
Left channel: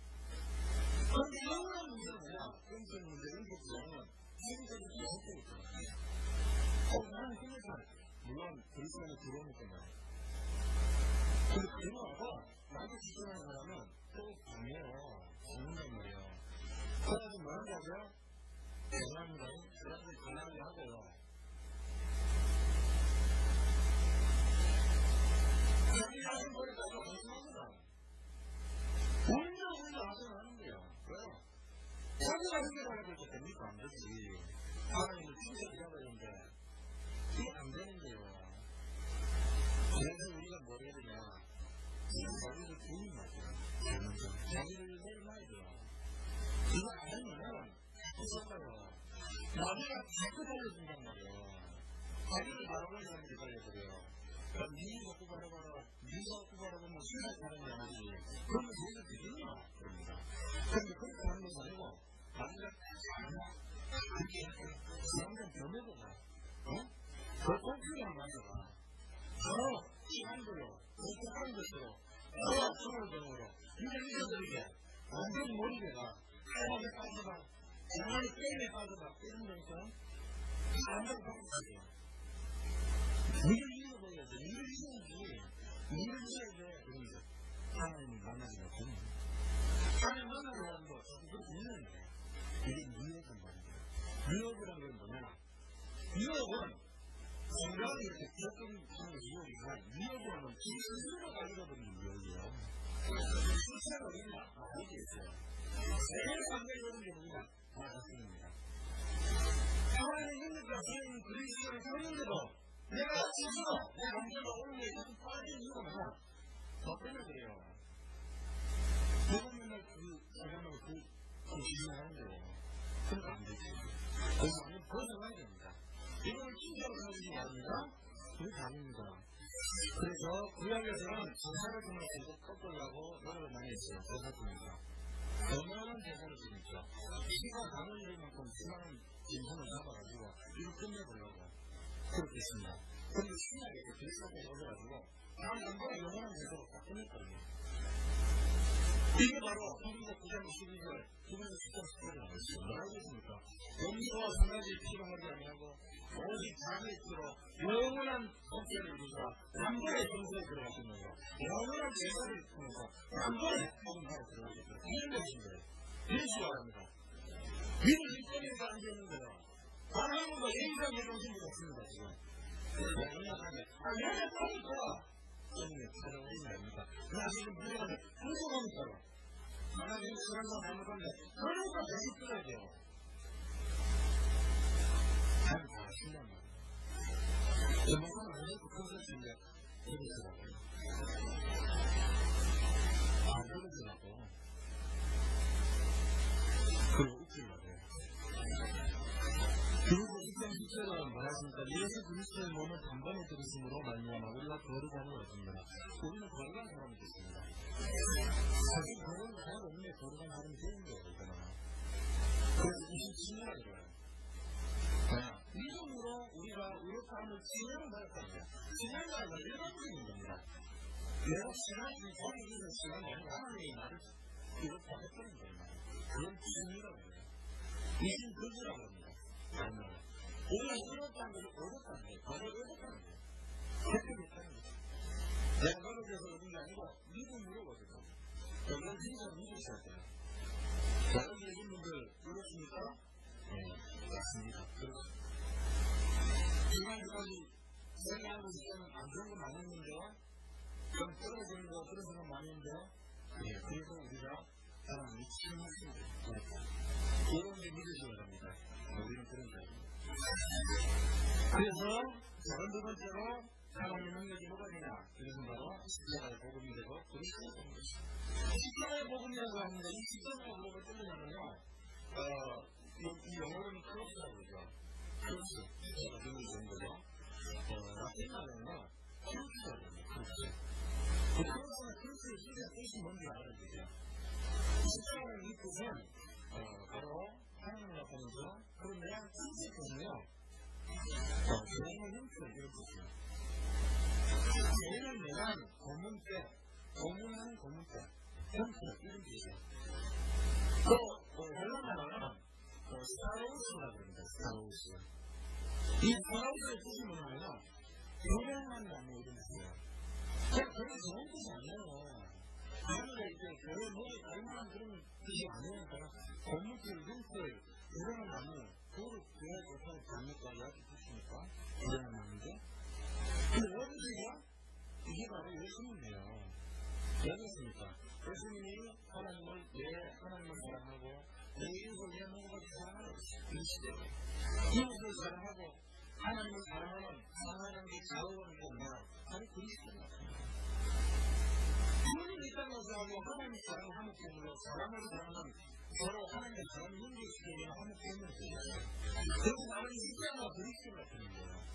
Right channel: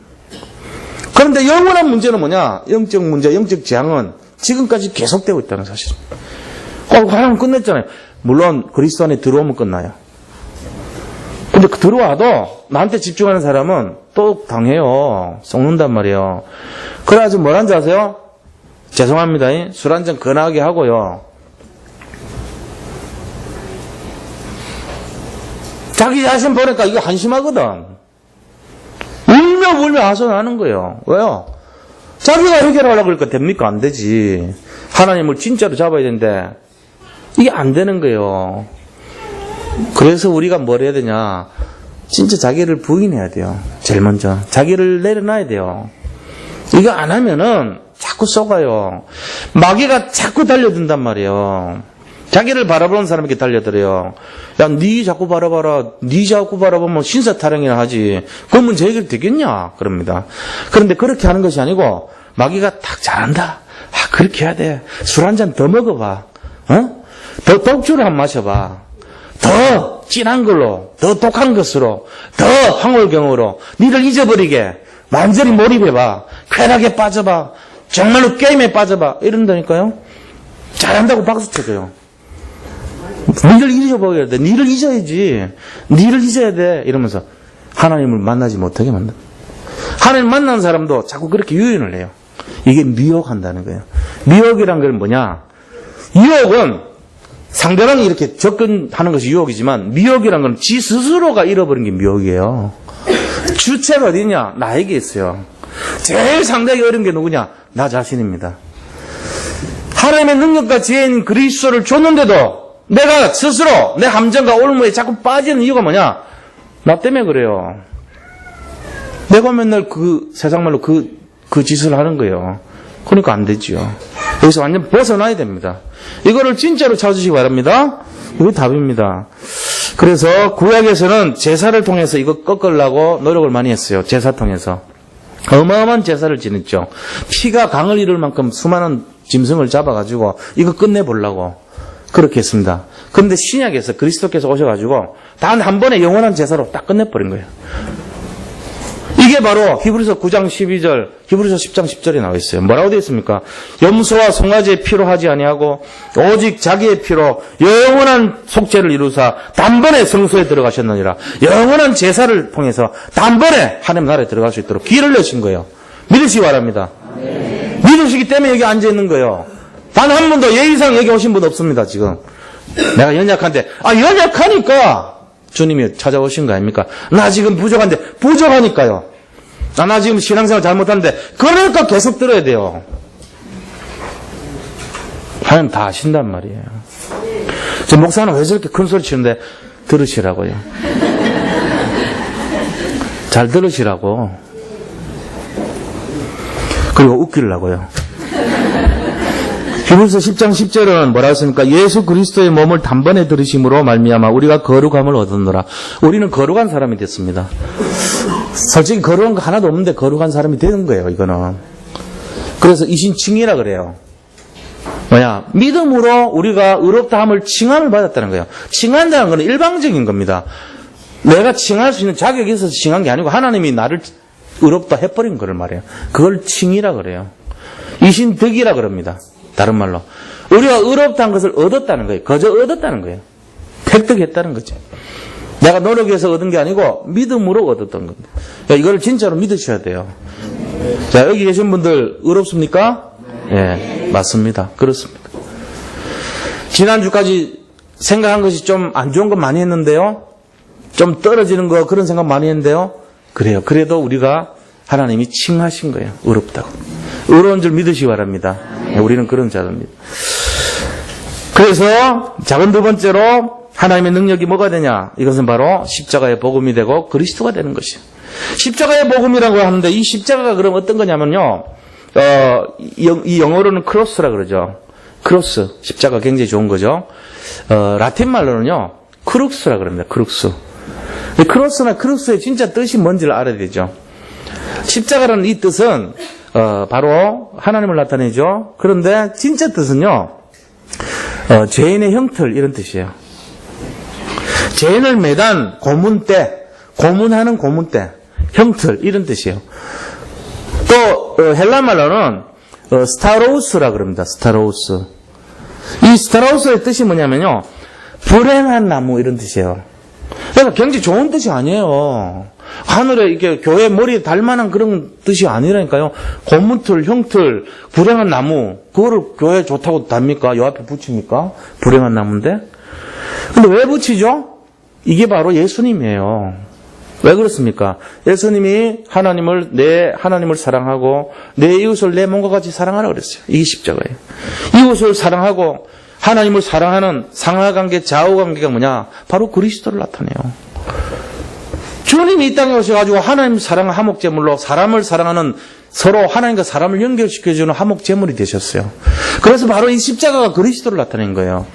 그런데 영원한 문제는 뭐냐? 영적 문제, 영적 재앙은 지금까지 계속되고 있다는 사실입니다. 하나님 끝냈잖아요. 물론 그리스도 안에 들어오면 끝나요. 근데 들어와도 나한테 집중하는 사람은 또 당해요. 썩는단 말이에요. 그래가지고 뭐라는지 아세요? 죄송합니다. 술 한잔 건하게 하고요. 자기 자신 보니까 이거 한심하거든. 울며 하소연하는 거예요. 왜요? 자기가 해결하려고 그러니까 됩니까? 안 되지. 하나님을 진짜로 잡아야 되는데 이게 안 되는 거예요. 그래서 우리가 뭘 해야 되냐? 진짜 자기를 부인해야 돼요. 제일 먼저. 자기를 내려놔야 돼요. 이거 안 하면은 자꾸 속아요. 마귀가 자꾸 달려든단 말이에요. 자기를 바라보는 사람에게 달려들어요. 야, 니 자꾸 바라봐라. 니 자꾸 바라보면 신사타령이나 하지. 그 문제 해결 되겠냐? 그럽니다. 그런데 그렇게 하는 것이 아니고 마귀가 딱 잘한다. 그렇게 해야 돼. 술 한 잔 더 먹어봐. 더 독주를 한번 마셔봐. 더 진한 걸로, 더 독한 것으로, 더 황홀경으로 니를 잊어버리게 완전히 몰입해봐. 쾌락에 빠져봐. 정말로 게임에 빠져봐. 이런다니까요. 잘한다고 박수 쳐줘요. 니를 잊어버려야 돼. 니를 잊어야지. 니를 잊어야 돼. 이러면서 하나님을 만나지 못하게 만든다. 하나님 만난 사람도 자꾸 그렇게 유인을 해요. 이게 미혹한다는 거예요. 미혹이란 건 뭐냐? 유혹은 상대방이 이렇게 접근하는 것이 유혹이지만 미혹이라는 건 지 스스로가 잃어버린 게 미혹이에요. 주체가 어디냐? 나에게 있어요. 제일 상대하기 어려운 게 누구냐? 나 자신입니다. 하나님의 능력과 지혜인 그리스도를 줬는데도 내가 스스로 내 함정과 올무에 자꾸 빠지는 이유가 뭐냐? 나 때문에 그래요. 내가 맨날 세상 말로 그 짓을 하는 거예요. 그러니까 안 되지요. 여기서 완전 벗어나야 됩니다. 이거를 진짜로 찾으시기 바랍니다. 이게 답입니다. 그래서 구약에서는 제사를 통해서 이거 꺾으려고 노력을 많이 했어요. 제사 통해서. 어마어마한 제사를 지냈죠. 피가 강을 이룰 만큼 수많은 짐승을 잡아가지고 이거 끝내보려고 그렇게 했습니다. 그런데 신약에서 그리스도께서 오셔가지고 단 한 번에 영원한 제사로 딱 끝내버린 거예요. 이게 바로 히브리서 9장 12절, 히브리서 10장 10절에 나와 있어요. 뭐라고 되어 있습니까? 염소와 송아지의 피로 하지 아니하고 오직 자기의 피로 영원한 속죄를 이루사 단번에 성소에 들어가셨느니라. 영원한 제사를 통해서 단번에 하나님 나라에 들어갈 수 있도록 길을 내신 거예요. 믿으시기 바랍니다. 네. 믿으시기 때문에 여기 앉아 있는 거예요. 단 한 분도 예의상 여기 오신 분 없습니다, 지금. 내가 연약한데, 연약하니까 주님이 찾아오신 거 아닙니까? 나 지금 부족한데, 부족하니까요. 나 지금 신앙생활 잘못하는데, 그러니까 계속 들어야 돼요. 하나님 다 아신단 말이에요. 저 목사는 왜 저렇게 큰 소리 치는데, 들으시라고요. 잘 들으시라고. 그리고 웃기려고요. 히브리서 10장 10절은 뭐라고 했습니까? 예수 그리스도의 몸을 단번에 들으심으로 말미암아 우리가 거룩함을 얻었노라. 우리는 거룩한 사람이 됐습니다. 솔직히 거룩한 거 하나도 없는데 거룩한 사람이 되는 거예요, 이거는. 그래서 이신칭이라 그래요. 믿음으로 우리가 의롭다함을 칭함을 받았다는 거예요. 칭한다는 건 일방적인 겁니다. 내가 칭할 수 있는 자격이 있어서 칭한 게 아니고 하나님이 나를 의롭다 해버린 거를 말해요. 그걸 칭이라 그래요. 이신덕이라 그럽니다. 다른 말로 우리가 의롭다는 것을 얻었다는 거예요. 거저 얻었다는 거예요. 획득했다는 거죠. 내가 노력해서 얻은 게 아니고 믿음으로 얻었던 겁니다. 이걸 진짜로 믿으셔야 돼요. 자, 여기 계신 분들 의롭습니까? 예, 맞습니다. 그렇습니다. 지난주까지 생각한 것이 좀 안 좋은 것 많이 했는데요. 좀 떨어지는 거 그런 생각 많이 했는데요. 그래요. 그래도 우리가 하나님이 칭하신 거예요. 의롭다고. 의로운 줄 믿으시기 바랍니다. 우리는 그런 자들입니다. 그래서 작은 두 번째로 하나님의 능력이 뭐가 되냐? 이것은 바로 십자가의 복음이 되고 그리스도가 되는 것이에요. 십자가의 복음이라고 하는데 이 십자가가 그럼 어떤 거냐면요. 이 영어로는 크로스라 그러죠. 크로스. 십자가 굉장히 좋은 거죠. 라틴 말로는요. 크룩스라 그럽니다. 크룩스. 크로스나 크룩스의 진짜 뜻이 뭔지를 알아야 되죠. 십자가라는 이 뜻은 바로 하나님을 나타내죠. 그런데 진짜 뜻은요. 죄인의 형틀 이런 뜻이에요. 죄인을 매단 고문대, 고문하는 고문대, 형틀 이런 뜻이에요. 또 헬라 말로는 스타로우스라 그럽니다. 스타로우스. 이 스타로우스의 뜻이 뭐냐면요. 불행한 나무 이런 뜻이에요. 그러니까 굉장히 좋은 뜻이 아니에요. 하늘에 이렇게 교회 머리에 달만한 그런 뜻이 아니라니까요. 고문틀, 형틀, 불행한 나무 그거를 교회에 좋다고 답니까? 요 앞에 붙입니까? 불행한 나무인데. 근데 왜 붙이죠? 이게 바로 예수님이에요. 왜 그렇습니까? 예수님이 내 하나님을 사랑하고 내 이웃을 내 몸과 같이 사랑하라 그랬어요. 이게 십자가예요. 이웃을 사랑하고 하나님을 사랑하는 상하관계, 좌우관계가 뭐냐? 바로 그리스도를 나타내요. 주님이 이 땅에 오셔가지고 하나님 사랑을 화목제물로 사람을 사랑하는 서로 하나님과 사람을 연결시켜주는 화목제물이 되셨어요. 그래서 바로 이 십자가가 그리스도를 나타낸 거예요.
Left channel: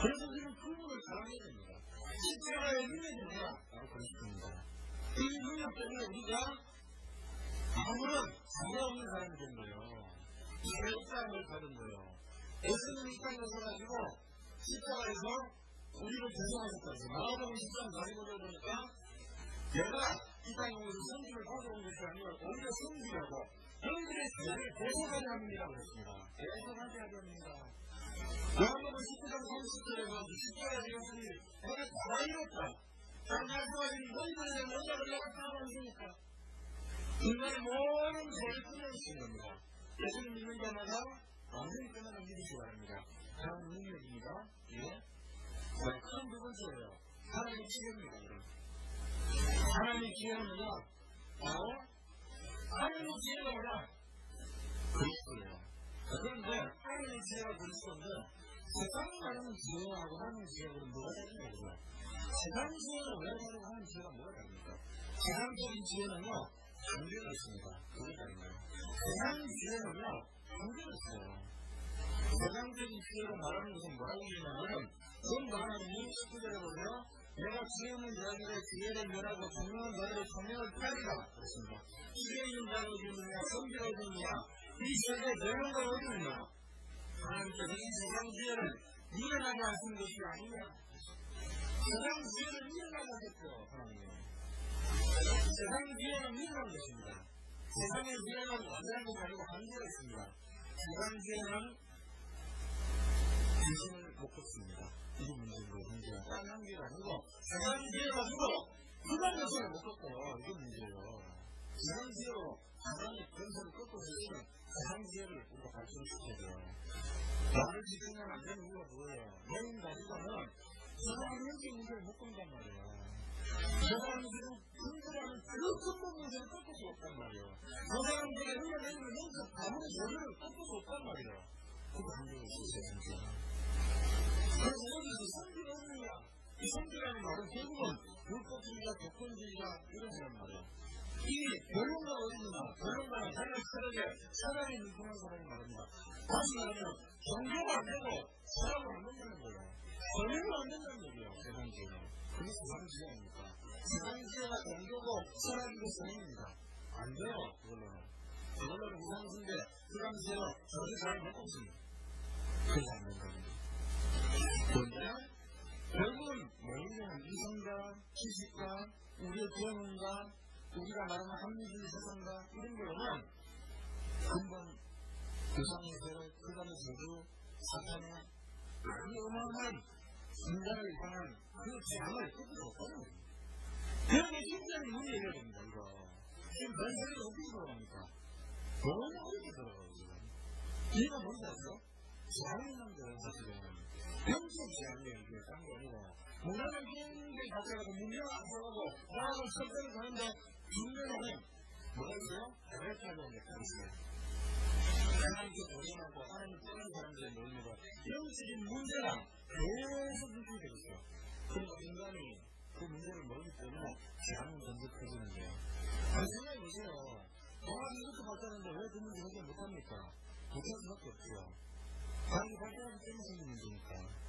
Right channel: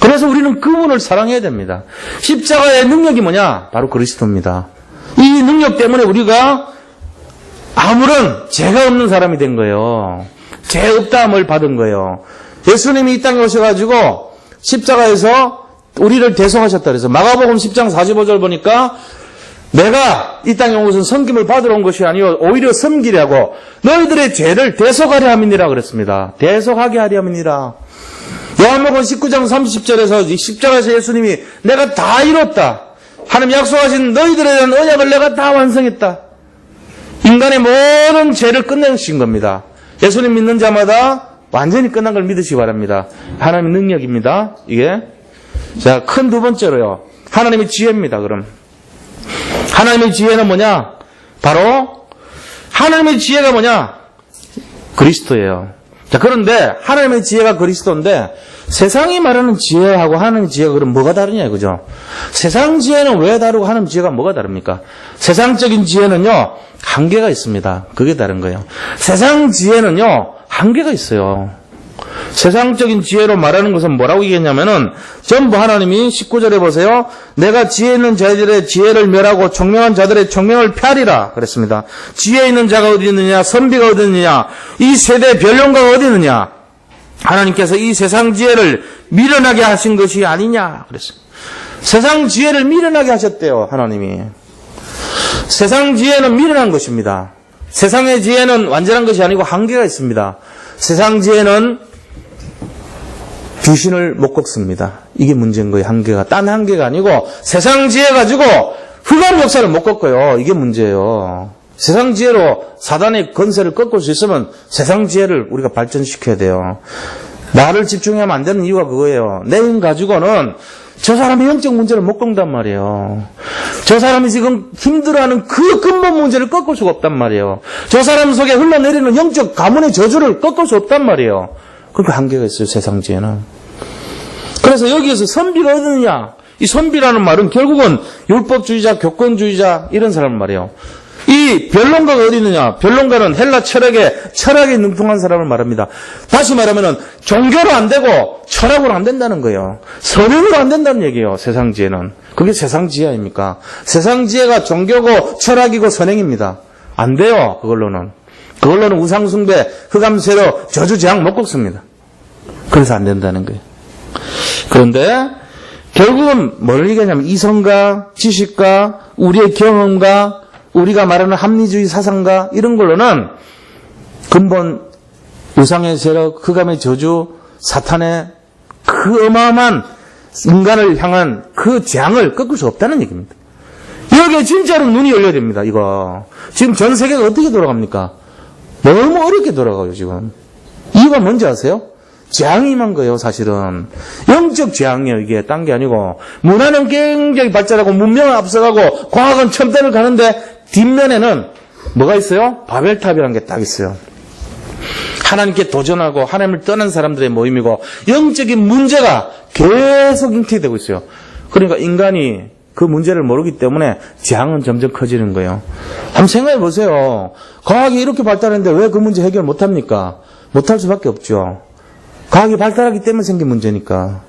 그래서 우리는 그분을 사랑해야 됩니다. 십자가의 능력이 뭐냐? 바로 그리스도입니다. 이 능력 때문에 우리가 아무런 죄가 없는 사람이 된 거예요. 죄 없다함을 받은 거예요. 예수님이 이 땅에 오셔가지고 십자가에서 우리를 대속하셨다 그래서 마가복음 10장 45절 보니까 내가 이 땅에 온 것은 섬김을 받으러 온 것이 아니요 오히려 섬기려고 너희들의 죄를 대속하려 함이니라 그랬습니다. 대속하게 하려 함이니라. 요한복음 19장 30절에서 십자가에서 예수님이 내가 다 이뤘다. 하나님 약속하신 너희들에 대한 언약을 내가 다 완성했다. 인간의 모든 죄를 끝내신 겁니다. 예수님 믿는 자마다 완전히 끝난 걸 믿으시기 바랍니다. 하나님의 능력입니다. 이게 자, 큰 두 번째로요. 하나님의 지혜입니다, 그럼. 하나님의 지혜는 뭐냐? 바로 하나님의 지혜가 뭐냐? 그리스도예요. 자, 그런데 하나님의 지혜가 그리스도인데 세상이 말하는 지혜하고 하나님의 지혜가 그럼 뭐가 다르냐 이거죠. 세상 지혜는 왜 다르고 하나님 지혜가 뭐가 다릅니까? 세상적인 지혜는요, 한계가 있습니다. 그게 다른 거예요. 세상 지혜는요, 한계가 있어요. 세상적인 지혜로 말하는 것은 뭐라고 얘기했냐면은 전부 하나님이 19절에 보세요. 내가 지혜 있는 자들의 지혜를 멸하고 총명한 자들의 총명을 폐하리라 그랬습니다. 지혜 있는 자가 어디 있느냐, 선비가 어디 있느냐, 이 세대의 변론가가 어디 있느냐. 하나님께서 이 세상 지혜를 미련하게 하신 것이 아니냐 그랬습니다. 세상 지혜를 미련하게 하셨대요, 하나님이. 세상 지혜는 미련한 것입니다. 세상의 지혜는 완전한 것이 아니고 한계가 있습니다. 세상 지혜는 귀신을 못 꺾습니다. 이게 문제인 거예요, 한계가. 딴 한계가 아니고 세상 지혜 가지고 흑암 역사를 못 꺾어요. 이게 문제예요. 세상 지혜로 사단의 건세를 꺾을 수 있으면 세상 지혜를 우리가 발전시켜야 돼요. 나를 집중하면 안 되는 이유가 그거예요. 내 힘 가지고는 저 사람의 영적 문제를 못 꺾는단 말이에요. 저 사람이 지금 힘들어하는 그 근본 문제를 꺾을 수가 없단 말이에요. 저 사람 속에 흘러내리는 영적 가문의 저주를 꺾을 수 없단 말이에요. 그러니까 한계가 있어요, 세상 지혜는. 그래서 여기에서 선비가 어디느냐? 이 선비라는 말은 결국은 율법주의자, 교권주의자 이런 사람 말이에요. 이 변론가가 어디 있느냐? 변론가는 헬라 철학에 능통한 사람을 말합니다. 다시 말하면은 종교로 안 되고 철학으로 안 된다는 거예요. 선행으로 안 된다는 얘기예요, 세상 지혜는. 그게 세상 지혜 아닙니까? 세상 지혜가 종교고 철학이고 선행입니다. 안 돼요, 그걸로는. 그걸로는 우상숭배, 흑암세로 저주재앙 못 꺾습니다. 그래서 안 된다는 거예요. 그런데 결국은 뭘 얘기하냐면 이성과 지식과 우리의 경험과 우리가 말하는 합리주의 사상과 이런 걸로는 근본 우상의 세력, 흑암의 저주, 사탄의 그 어마어마한 인간을 향한 그 재앙을 꺾을 수 없다는 얘기입니다. 여기에 진짜로 눈이 열려야 됩니다, 이거. 지금 전 세계가 어떻게 돌아갑니까? 너무 어렵게 돌아가요, 지금. 이유가 뭔지 아세요? 재앙이 임한 거예요, 사실은. 영적 재앙이에요, 이게. 딴 게 아니고. 문화는 굉장히 발달하고, 문명은 앞서가고, 과학은 첨단을 가는데, 뒷면에는 뭐가 있어요? 바벨탑이라는 게 딱 있어요. 하나님께 도전하고, 하나님을 떠난 사람들의 모임이고, 영적인 문제가 계속 잉태되고 있어요. 그러니까 인간이 그 문제를 모르기 때문에 재앙은 점점 커지는 거예요. 한번 생각해 보세요. 과학이 이렇게 발달했는데 왜 그 문제 해결 못 합니까? 못할 수밖에 없죠. 과학이 발달하기 때문에 생긴 문제니까.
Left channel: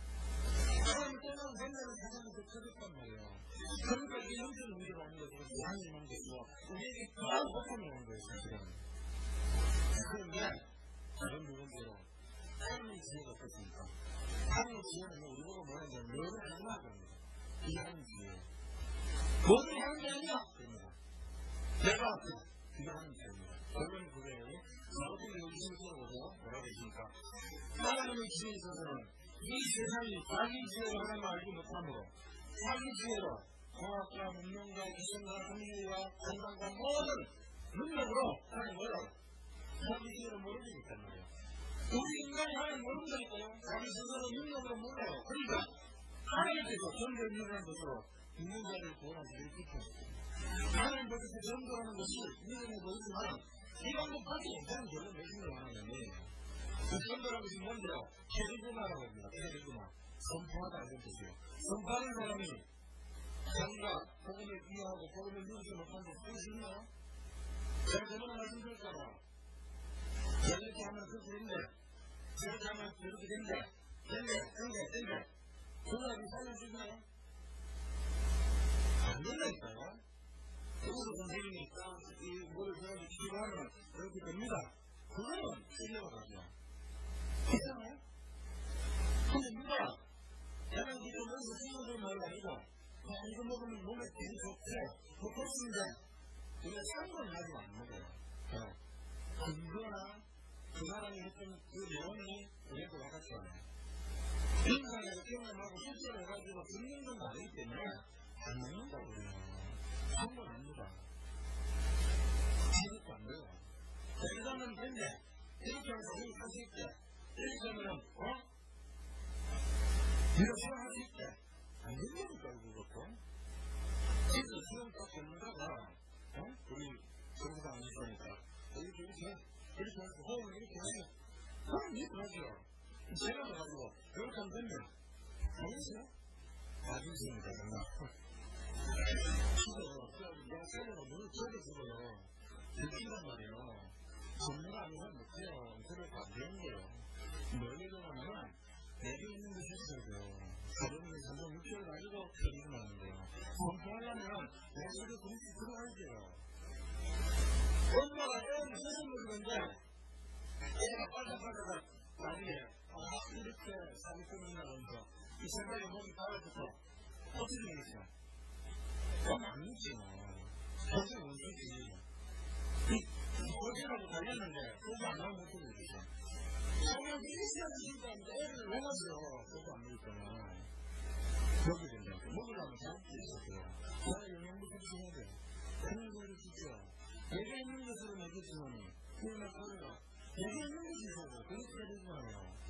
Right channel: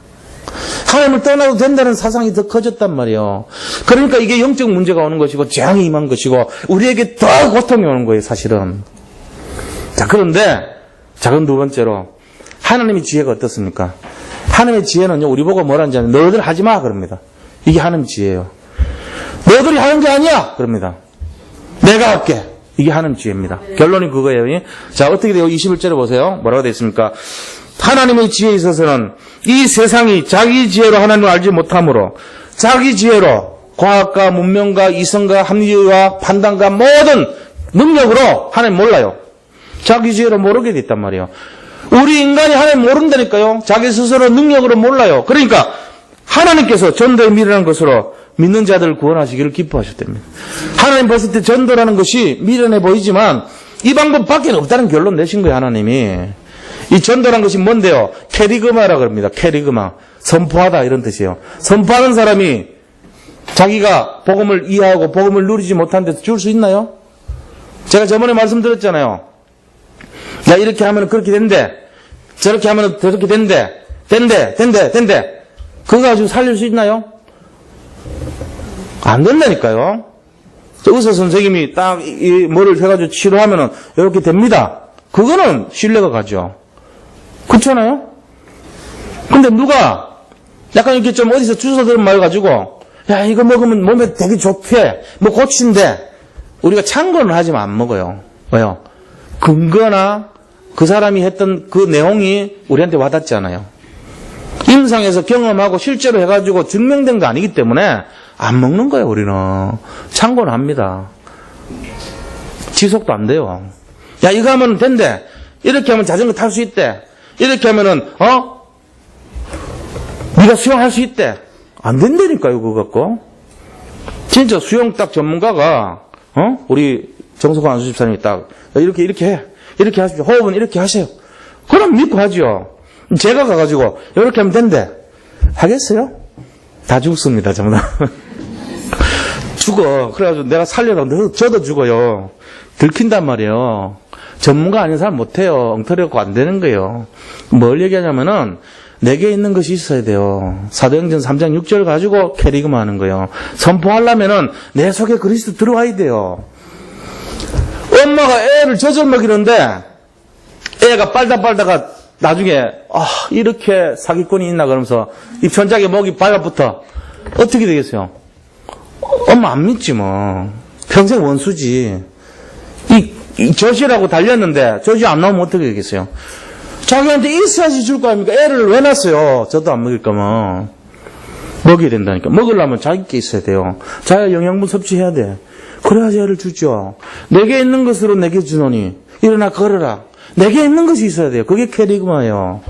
하나님을 떠나도 된다는 사상이 더 커졌단 말이에요. 그러니까 이게 영적 문제가 오는 것이고 재앙이 임한 것이고 우리에게 더 고통이 오는 거예요, 사실은. 자, 그런데 작은 두 번째로 하나님의 지혜가 어떻습니까? 하나님의 지혜는요, 우리 보고 뭐라는지 아면 너희들 하지 마 그럽니다. 이게 하나님의 지혜예요. 너희들이 하는 게 아니야 그럽니다. 내가 할게. 이게 하나님의 지혜입니다. 결론이 그거예요. 자, 어떻게 돼요? 21절에 보세요. 뭐라고 되어 있습니까? 하나님의 지혜에 있어서는 이 세상이 자기 지혜로 하나님을 알지 못하므로 자기 지혜로 과학과 문명과 이성과 합리와 판단과 모든 능력으로 하나님 몰라요. 자기 지혜로 모르게 됐단 말이에요. 우리 인간이 하나님 모른다니까요. 자기 스스로 능력으로 몰라요. 그러니까 하나님께서 전도에 미련한 것으로 믿는 자들을 구원하시기를 기뻐하셨답니다. 하나님 봤을 때 전도라는 것이 미련해 보이지만 이 방법 밖에 없다는 결론 내신 거예요, 하나님이. 이 전도란 것이 뭔데요? 캐리그마라고 합니다. 캐리그마. 선포하다 이런 뜻이에요. 선포하는 사람이 자기가 복음을 이해하고 복음을 누리지 못한 데서 줄 수 있나요? 제가 저번에 말씀드렸잖아요. 야, 이렇게 하면 그렇게 된대. 저렇게 하면 저렇게 된대. 된대. 그거 가지고 살릴 수 있나요? 안 된다니까요. 의사 선생님이 딱 뭐를 해가지고 치료하면은 이렇게 됩니다. 그거는 신뢰가 가죠. 그렇잖아요? 근데 누가 약간 이렇게 좀 어디서 주워 들은 말 가지고 야, 이거 먹으면 몸에 되게 좋대. 뭐 고친데. 우리가 참고는 하지만 안 먹어요. 왜요? 근거나 그 사람이 했던 그 내용이 우리한테 와닿지 않아요. 임상에서 경험하고 실제로 해가지고 증명된 거 아니기 때문에 안 먹는 거예요, 우리는. 참고는 합니다. 지속도 안 돼요. 야, 이거 하면 된대. 이렇게 하면 자전거 탈 수 있대. 이렇게 하면은, 네가 수영할 수 있대. 안 된다니까요, 그거 갖고. 진짜 수영 딱 전문가가, 우리 정석환 안수집사님이 딱, 이렇게 해. 이렇게 하십시오. 호흡은 이렇게 하세요. 그럼 믿고 하죠. 제가 가가지고, 이렇게 하면 된대. 하겠어요? 다 죽습니다, 전부 다. 죽어. 그래가지고 내가 살려다 저도 죽어요. 들킨단 말이에요. 전문가 아닌 사람 못해요. 엉터리 갖고 안 되는 거예요. 뭘 얘기하냐면은, 내게 있는 것이 있어야 돼요. 사도행전 3장 6절 가지고 캐리그만 하는 거예요. 선포하려면은 내 속에 그리스도 들어와야 돼요. 엄마가 애를 젖을 먹이는데 애가 빨다가 나중에 이렇게 사기꾼이 있나 그러면서 입천장에 목이 발라붙어. 어떻게 되겠어요? 엄마 안 믿지 뭐. 평생 원수지. 이 젖이라고 달렸는데 젖이 안 나오면 어떻게 되겠어요? 자기한테 있어야지 줄 거 아닙니까? 애를 왜 낳았어요? 저도 안 먹일 거면. 먹여야 된다니까. 먹으려면 자기께 있어야 돼요. 자기가 영양분 섭취해야 돼. 그래야지 애를 주죠. 내게 있는 것으로 내게 주노니 일어나 걸어라. 내게 있는 것이 있어야 돼요. 그게 캐리그마예요.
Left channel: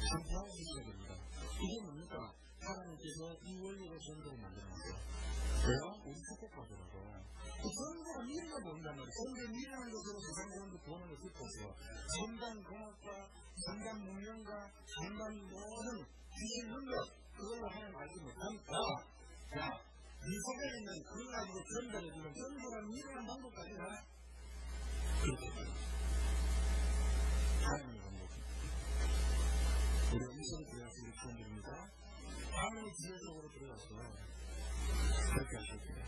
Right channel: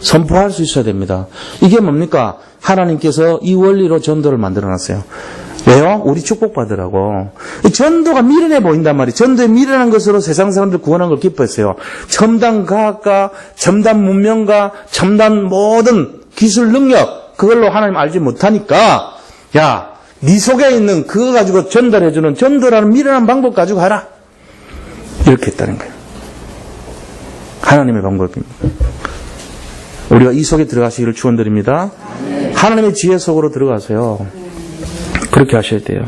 선포할 수 있어야 됩니다. 이게 뭡니까? 하나님께서 이 원리로 전도를 만들어놨어요. 왜요? 우리 축복받으라고. 전도가 미련해 보인단 말이에요. 전도에 미련한 것으로 세상 사람들 구원한 걸 기뻐했어요. 첨단 과학과, 첨단 문명과, 첨단 모든 기술 능력, 그걸로 하나님 알지 못하니까, 야, 네 속에 있는 그거 가지고 전달해주는 전도라는 미련한 방법 가지고 하라. 이렇게 했다는 거예요. 하나님의 방법입니다. 우리가 이 속에 들어가시기를 축원드립니다. 하나님의 지혜 속으로 들어가세요. 그렇게 하셔야 돼요.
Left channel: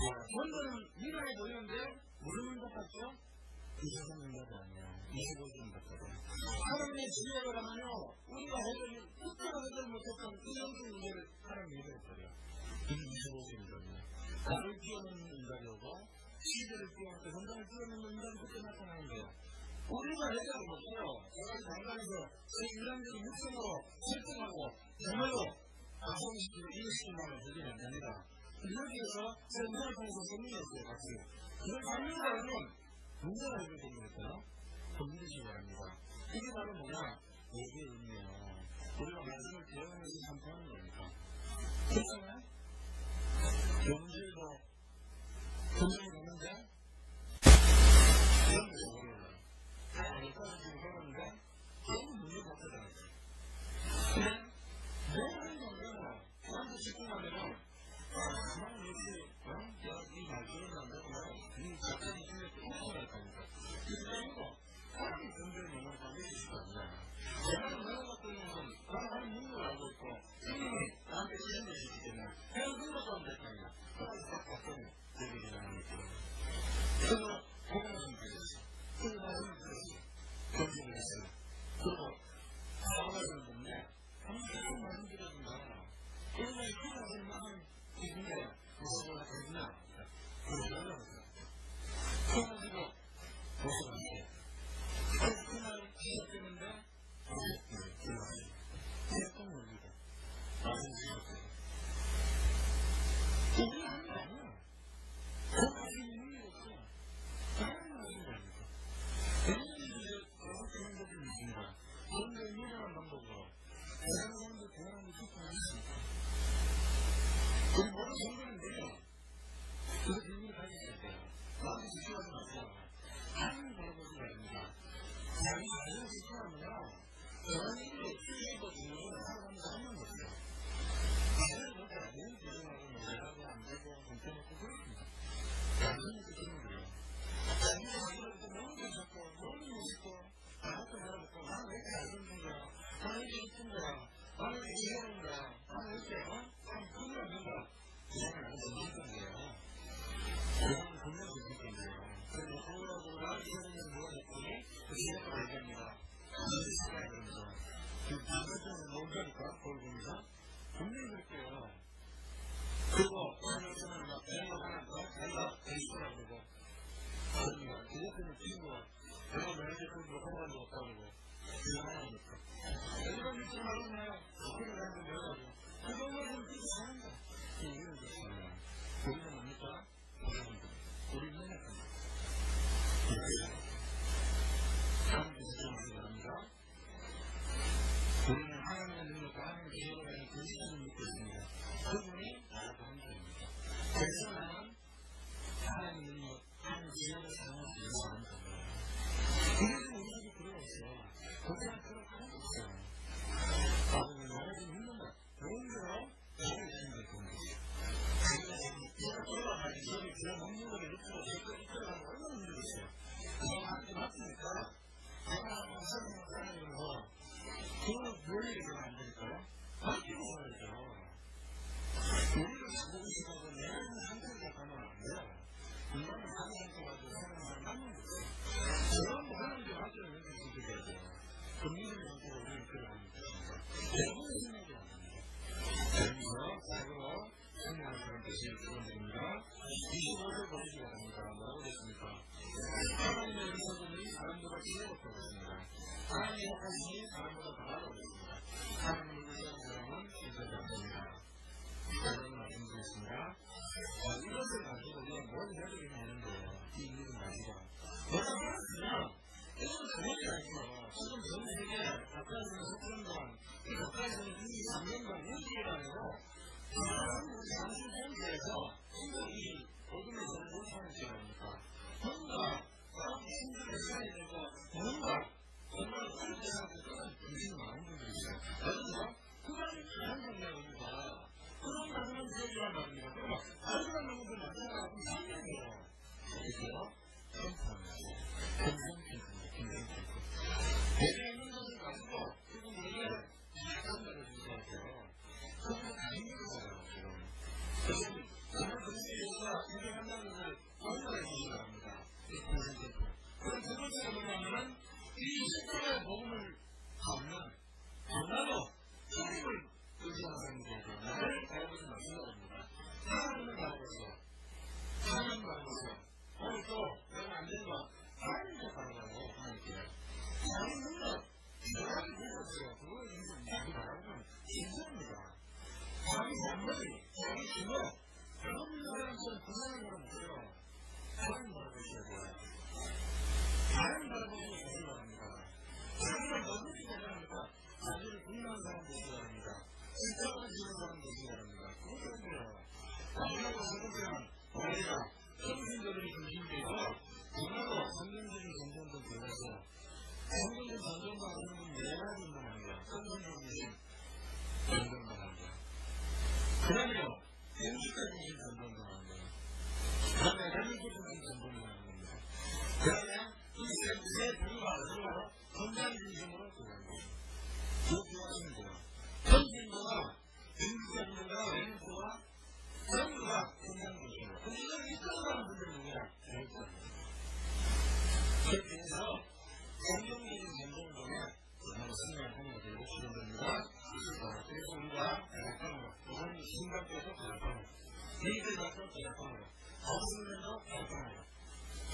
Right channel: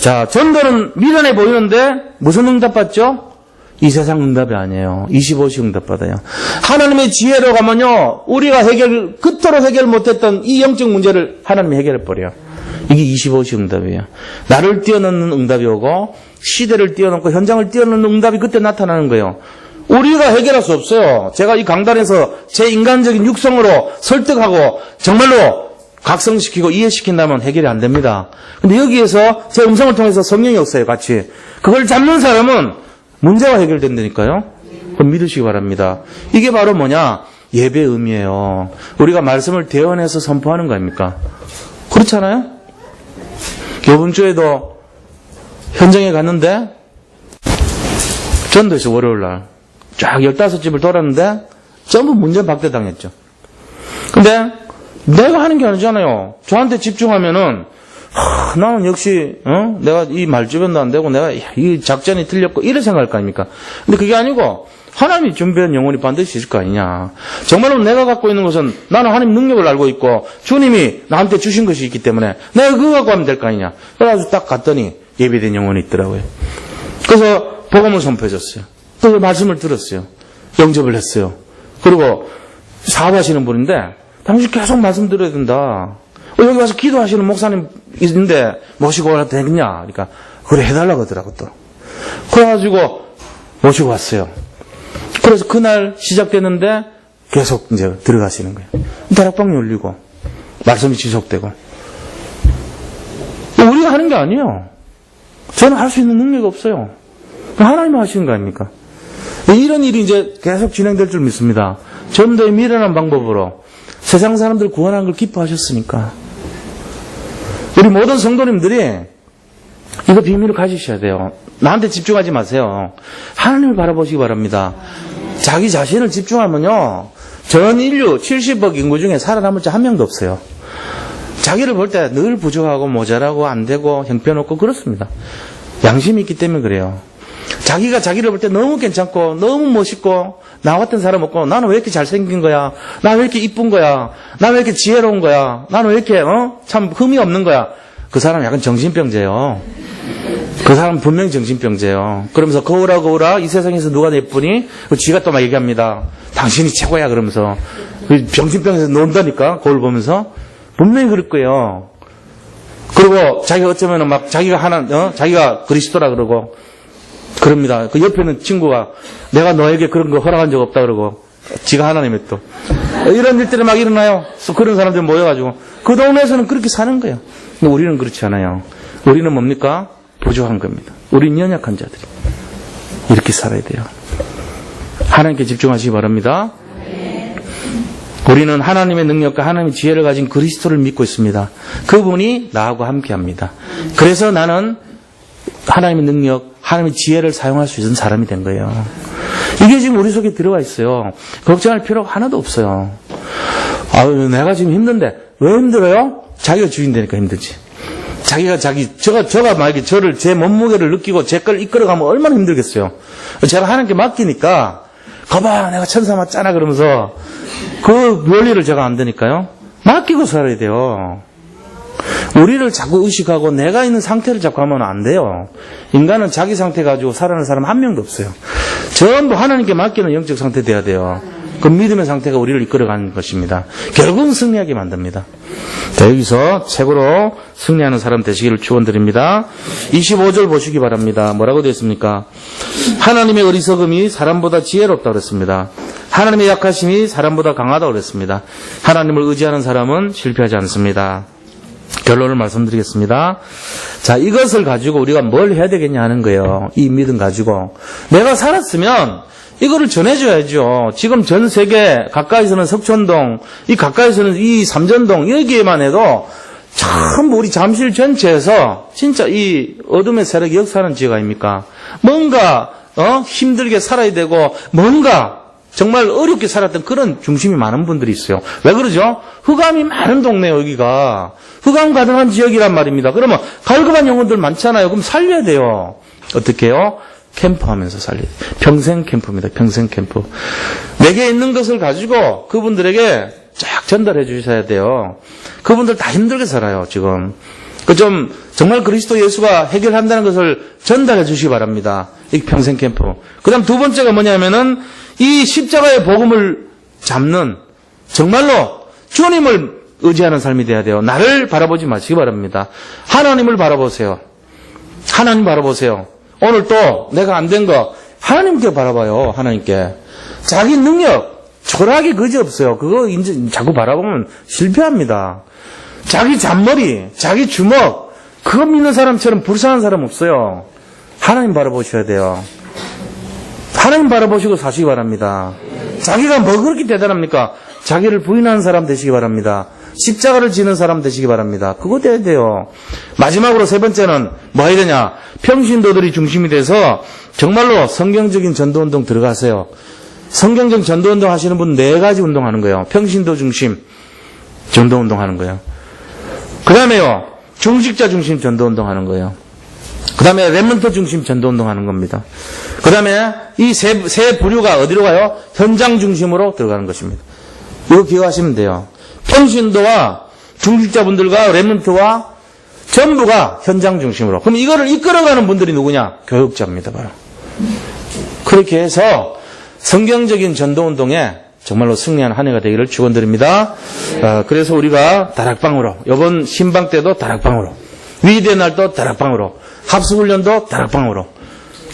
자, 전도는 미련해 보이는데 무슨 응답 받죠? 이 세상 응답이 아니에요. 25시 응답 받아요. 하나님의 지혜로 가면요, 우리가 그토록 해결 못했던 이 영적 문제를 하나님이 해결해 버려요. 이게 25시 응답이에요. 나를 뛰어넘는 응답이 오고 시대를 뛰어넘고 현장을 뛰어넘는 응답이 그때 나타나는 거예요. 우리가 해결할 수 없어요. 제가 이 강단에서 제 인간적인 육성으로 설득하고 정말로 각성시키고 이해시킨다면 해결이 안 됩니다. 근데 여기에서 제 음성을 통해서 성령이 없어요, 같이. 그걸 잡는 사람은 문제가 해결된다니까요. 그럼 믿으시기 바랍니다. 이게 바로 뭐냐? 예배의 의미예요. 우리가 말씀을 대언해서 선포하는 거 아닙니까? 그렇잖아요? 이번 주에도 현장에 갔는데 전도에서 월요일날 쫙 15집을 돌았는데 전부 문제 박대당했죠. 근데 내가 하는 게 아니잖아요. 저한테 집중하면은 나는 역시 내가 이 말주변도 안 되고 내가 이 작전이 틀렸고 이런 생각할 거 아닙니까? 근데 그게 아니고 하나님이 준비한 영혼이 반드시 있을 거 아니냐. 정말로 내가 갖고 있는 것은 나는 하나님 능력을 알고 있고 주님이 나한테 주신 것이 있기 때문에 내가 그거 갖고 하면 될 거 아니냐. 그래가지고 딱 갔더니 예비된 영혼이 있더라고요. 그래서 복음을 선포해줬어요. 또 말씀을 들었어요. 영접을 했어요. 그리고 사업하시는 분인데 당신 계속 말씀 들어야 된다. 여기 와서 기도하시는 목사님 있는데 모시고 와도 되겠냐? 그러니까 그래 해달라고 하더라고 또. 그래가지고 모시고 왔어요. 그래서 그날 시작됐는데 계속 이제 들어가시는 거예요. 다락방 열리고 말씀이 지속되고. 우리가 하는 게 아니에요. 저는 할 수 있는 능력이 없어요. 하나님이 하시는 거 아닙니까? 이런 일이 이제 계속 진행될 줄 믿습니다. 전도의 미련한 방법으로 세상 사람들 구원한 걸 기뻐하셨으니까. 우리 모든 성도님들이 이거 비밀을 가지셔야 돼요. 나한테 집중하지 마세요. 하나님을 바라보시기 바랍니다. 자기 자신을 집중하면요, 전 인류 70억 인구 중에 살아남을 자 한 명도 없어요. 자기를 볼 때 늘 부족하고 모자라고 안 되고 형편없고 그렇습니다. 양심이 있기 때문에 그래요. 자기가 자기를 볼 때 너무 괜찮고 너무 멋있고 나 같은 사람 없고 나는 왜 이렇게 잘생긴 거야? 나는 왜 이렇게 이쁜 거야? 나는 왜 이렇게 지혜로운 거야? 나는 왜 이렇게 참 흠이 없는 거야? 그 사람 약간 정신병자예요. 그 사람 분명히 정신병자예요. 그러면서 거울아 이 세상에서 누가 예쁘니? 지가 또 막 얘기합니다. 당신이 최고야 그러면서 정신병에서 논다니까 거울 보면서 분명히 그럴 거예요. 그리고 자기가 어쩌면은 막 자기가 자기가 그리스도라 그러고 그럽니다. 그 옆에 있는 친구가 내가 너에게 그런 거 허락한 적 없다 그러고 지가 하나님의 또 이런 일들이 막 일어나요. 그런 사람들 모여가지고 그 동네에서는 그렇게 사는 거예요. 근데 우리는 그렇지 않아요. 우리는 뭡니까? 부족한 겁니다. 우리는 연약한 자들이 이렇게 살아야 돼요. 하나님께 집중하시기 바랍니다. 우리는 하나님의 능력과 하나님의 지혜를 가진 그리스도를 믿고 있습니다. 그분이 나하고 함께합니다. 그래서 나는 하나님의 능력, 하나님의 지혜를 사용할 수 있는 사람이 된 거예요. 이게 지금 우리 속에 들어가 있어요. 걱정할 필요가 하나도 없어요. 아유, 내가 지금 힘든데 왜 힘들어요? 자기가 주인되니까 힘들지. 제가 만약에 제 몸무게를 느끼고 제 걸 이끌어가면 얼마나 힘들겠어요. 제가 하나님께 맡기니까 거봐 내가 천사 맞잖아 그러면서 그 원리를 제가 안 되니까요. 맡기고 살아야 돼요. 우리를 자꾸 의식하고 내가 있는 상태를 자꾸 하면 안 돼요. 인간은 자기 상태 가지고 살아가는 사람 한 명도 없어요. 전부 하나님께 맡기는 영적 상태 돼야 돼요. 그 믿음의 상태가 우리를 이끌어가는 것입니다. 결국은 승리하게 만듭니다. 자, 여기서 최고로 승리하는 사람 되시기를 축원드립니다. 25절 보시기 바랍니다. 뭐라고 되어 있습니까? 하나님의 어리석음이 사람보다 지혜롭다고 그랬습니다. 하나님의 약하심이 사람보다 강하다고 그랬습니다. 하나님을 의지하는 사람은 실패하지 않습니다. 결론을 말씀드리겠습니다. 자, 이것을 가지고 우리가 뭘 해야 되겠냐 하는 거예요. 이 믿음 가지고. 내가 살았으면 이거를 전해줘야죠. 지금 전 세계 가까이서는 석촌동, 이 가까이서는 이 삼전동, 여기에만 해도 참 우리 잠실 전체에서 진짜 이 어둠의 세력이 역사하는 지역 아닙니까? 뭔가 힘들게 살아야 되고 뭔가 정말 어렵게 살았던 그런 중심이 많은 분들이 있어요. 왜 그러죠? 흑암이 많은 동네예요, 여기가. 흑암 가능한 지역이란 말입니다. 그러면 갈급한 영혼들 많잖아요. 그럼 살려야 돼요. 어떻게 해요? 캠프하면서 살려야 돼요. 평생 캠프입니다. 평생 캠프. 내게 있는 것을 가지고 그분들에게 쫙 전달해 주셔야 돼요. 그분들 다 힘들게 살아요, 지금. 정말 그리스도 예수가 해결한다는 것을 전달해 주시기 바랍니다. 이 평생 캠프. 그 다음 두 번째가 뭐냐면은 이 십자가의 복음을 잡는 정말로 주님을 의지하는 삶이 돼야 돼요. 나를 바라보지 마시기 바랍니다. 하나님을 바라보세요. 하나님 바라보세요. 오늘 또 내가 안 된 거 하나님께 바라봐요. 하나님께. 자기 능력 초라하게 그지없어요. 그거 이제 자꾸 바라보면 실패합니다. 자기 잔머리, 자기 주먹 그거 믿는 사람처럼 불쌍한 사람 없어요. 하나님 바라보셔야 돼요. 하나님 바라보시고 사시기 바랍니다. 자기가 뭐 그렇게 대단합니까? 자기를 부인하는 사람 되시기 바랍니다. 십자가를 지는 사람 되시기 바랍니다. 그거 돼야 돼요. 마지막으로 세 번째는 뭐 해야 되냐? 평신도들이 중심이 돼서 정말로 성경적인 전도운동 들어가세요. 성경적 전도운동 하시는 분 4가지 운동하는 거예요. 평신도 중심 전도운동 하는 거예요. 그 다음에요. 중직자 중심 전도운동 하는 거예요. 그 다음에 렘넌트 중심 전도운동 하는 겁니다. 그 다음에 이 세 부류가 어디로 가요? 현장 중심으로 들어가는 것입니다. 이거 기억하시면 돼요. 평신도와 중직자분들과 렘넌트와 전부가 현장 중심으로. 그럼 이거를 이끌어가는 분들이 누구냐? 교육자입니다. 바로. 그렇게 해서 성경적인 전도운동에 정말로 승리한 한 해가 되기를 축원드립니다. 그래서 우리가 다락방으로, 이번 신방 때도 다락방으로, 위대의 날도 다락방으로, 합수훈련도 다락방으로,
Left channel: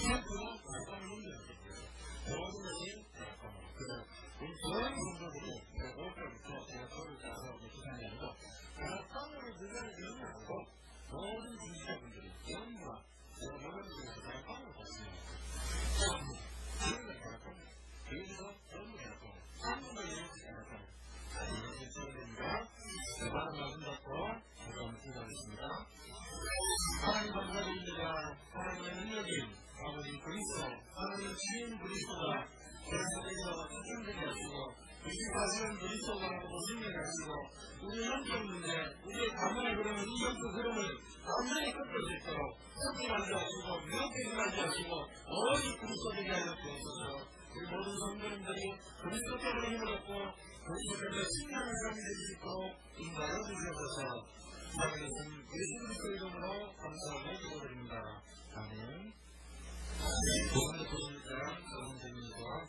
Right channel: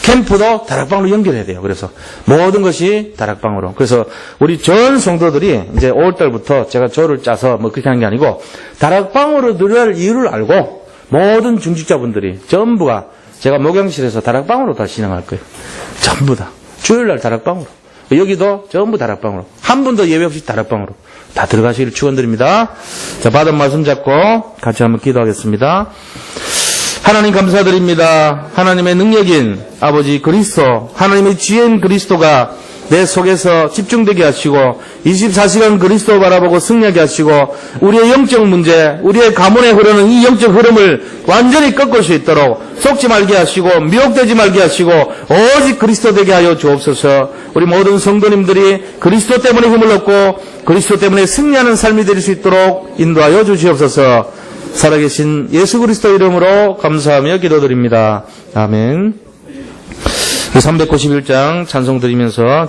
캠프도 다락방으로 연결해야 돼요. 그래서 모든 것이 다락방으로. 그래서 우리 전 성도들이 이제 5월달부터 제가 조를 짜서 뭐 그렇게 하는 게 아니고 다락방으로 들어갈 이유를 알고 모든 중직자분들이 전부가 제가 목양실에서 다락방으로 다 진행할 거예요. 전부 다. 주일날 다락방으로. 여기도 전부 다락방으로. 한 분도 예외 없이 다락방으로 다 들어가시기를 축원드립니다. 자, 받은 말씀 잡고 같이 한번 기도하겠습니다. 하나님 감사드립니다. 하나님의 능력인 아버지 그리스도, 하나님의 지혜인 그리스도가 내 속에서 집중되게 하시고 24시간 그리스도 바라보고 승리하게 하시고 우리의 영적 문제, 우리의 가문에 흐르는 이 영적 흐름을 완전히 꺾을 수 있도록 속지 말게 하시고 미혹되지 말게 하시고 오직 그리스도 되게 하여 주옵소서. 우리 모든 성도님들이 그리스도 때문에 힘을 얻고 그리스도 때문에 승리하는 삶이 될 수 있도록 인도하여 주시옵소서. 살아계신 예수 그리스도 이름으로 감사하며 기도드립니다. 아멘. 391장 찬송 드리면서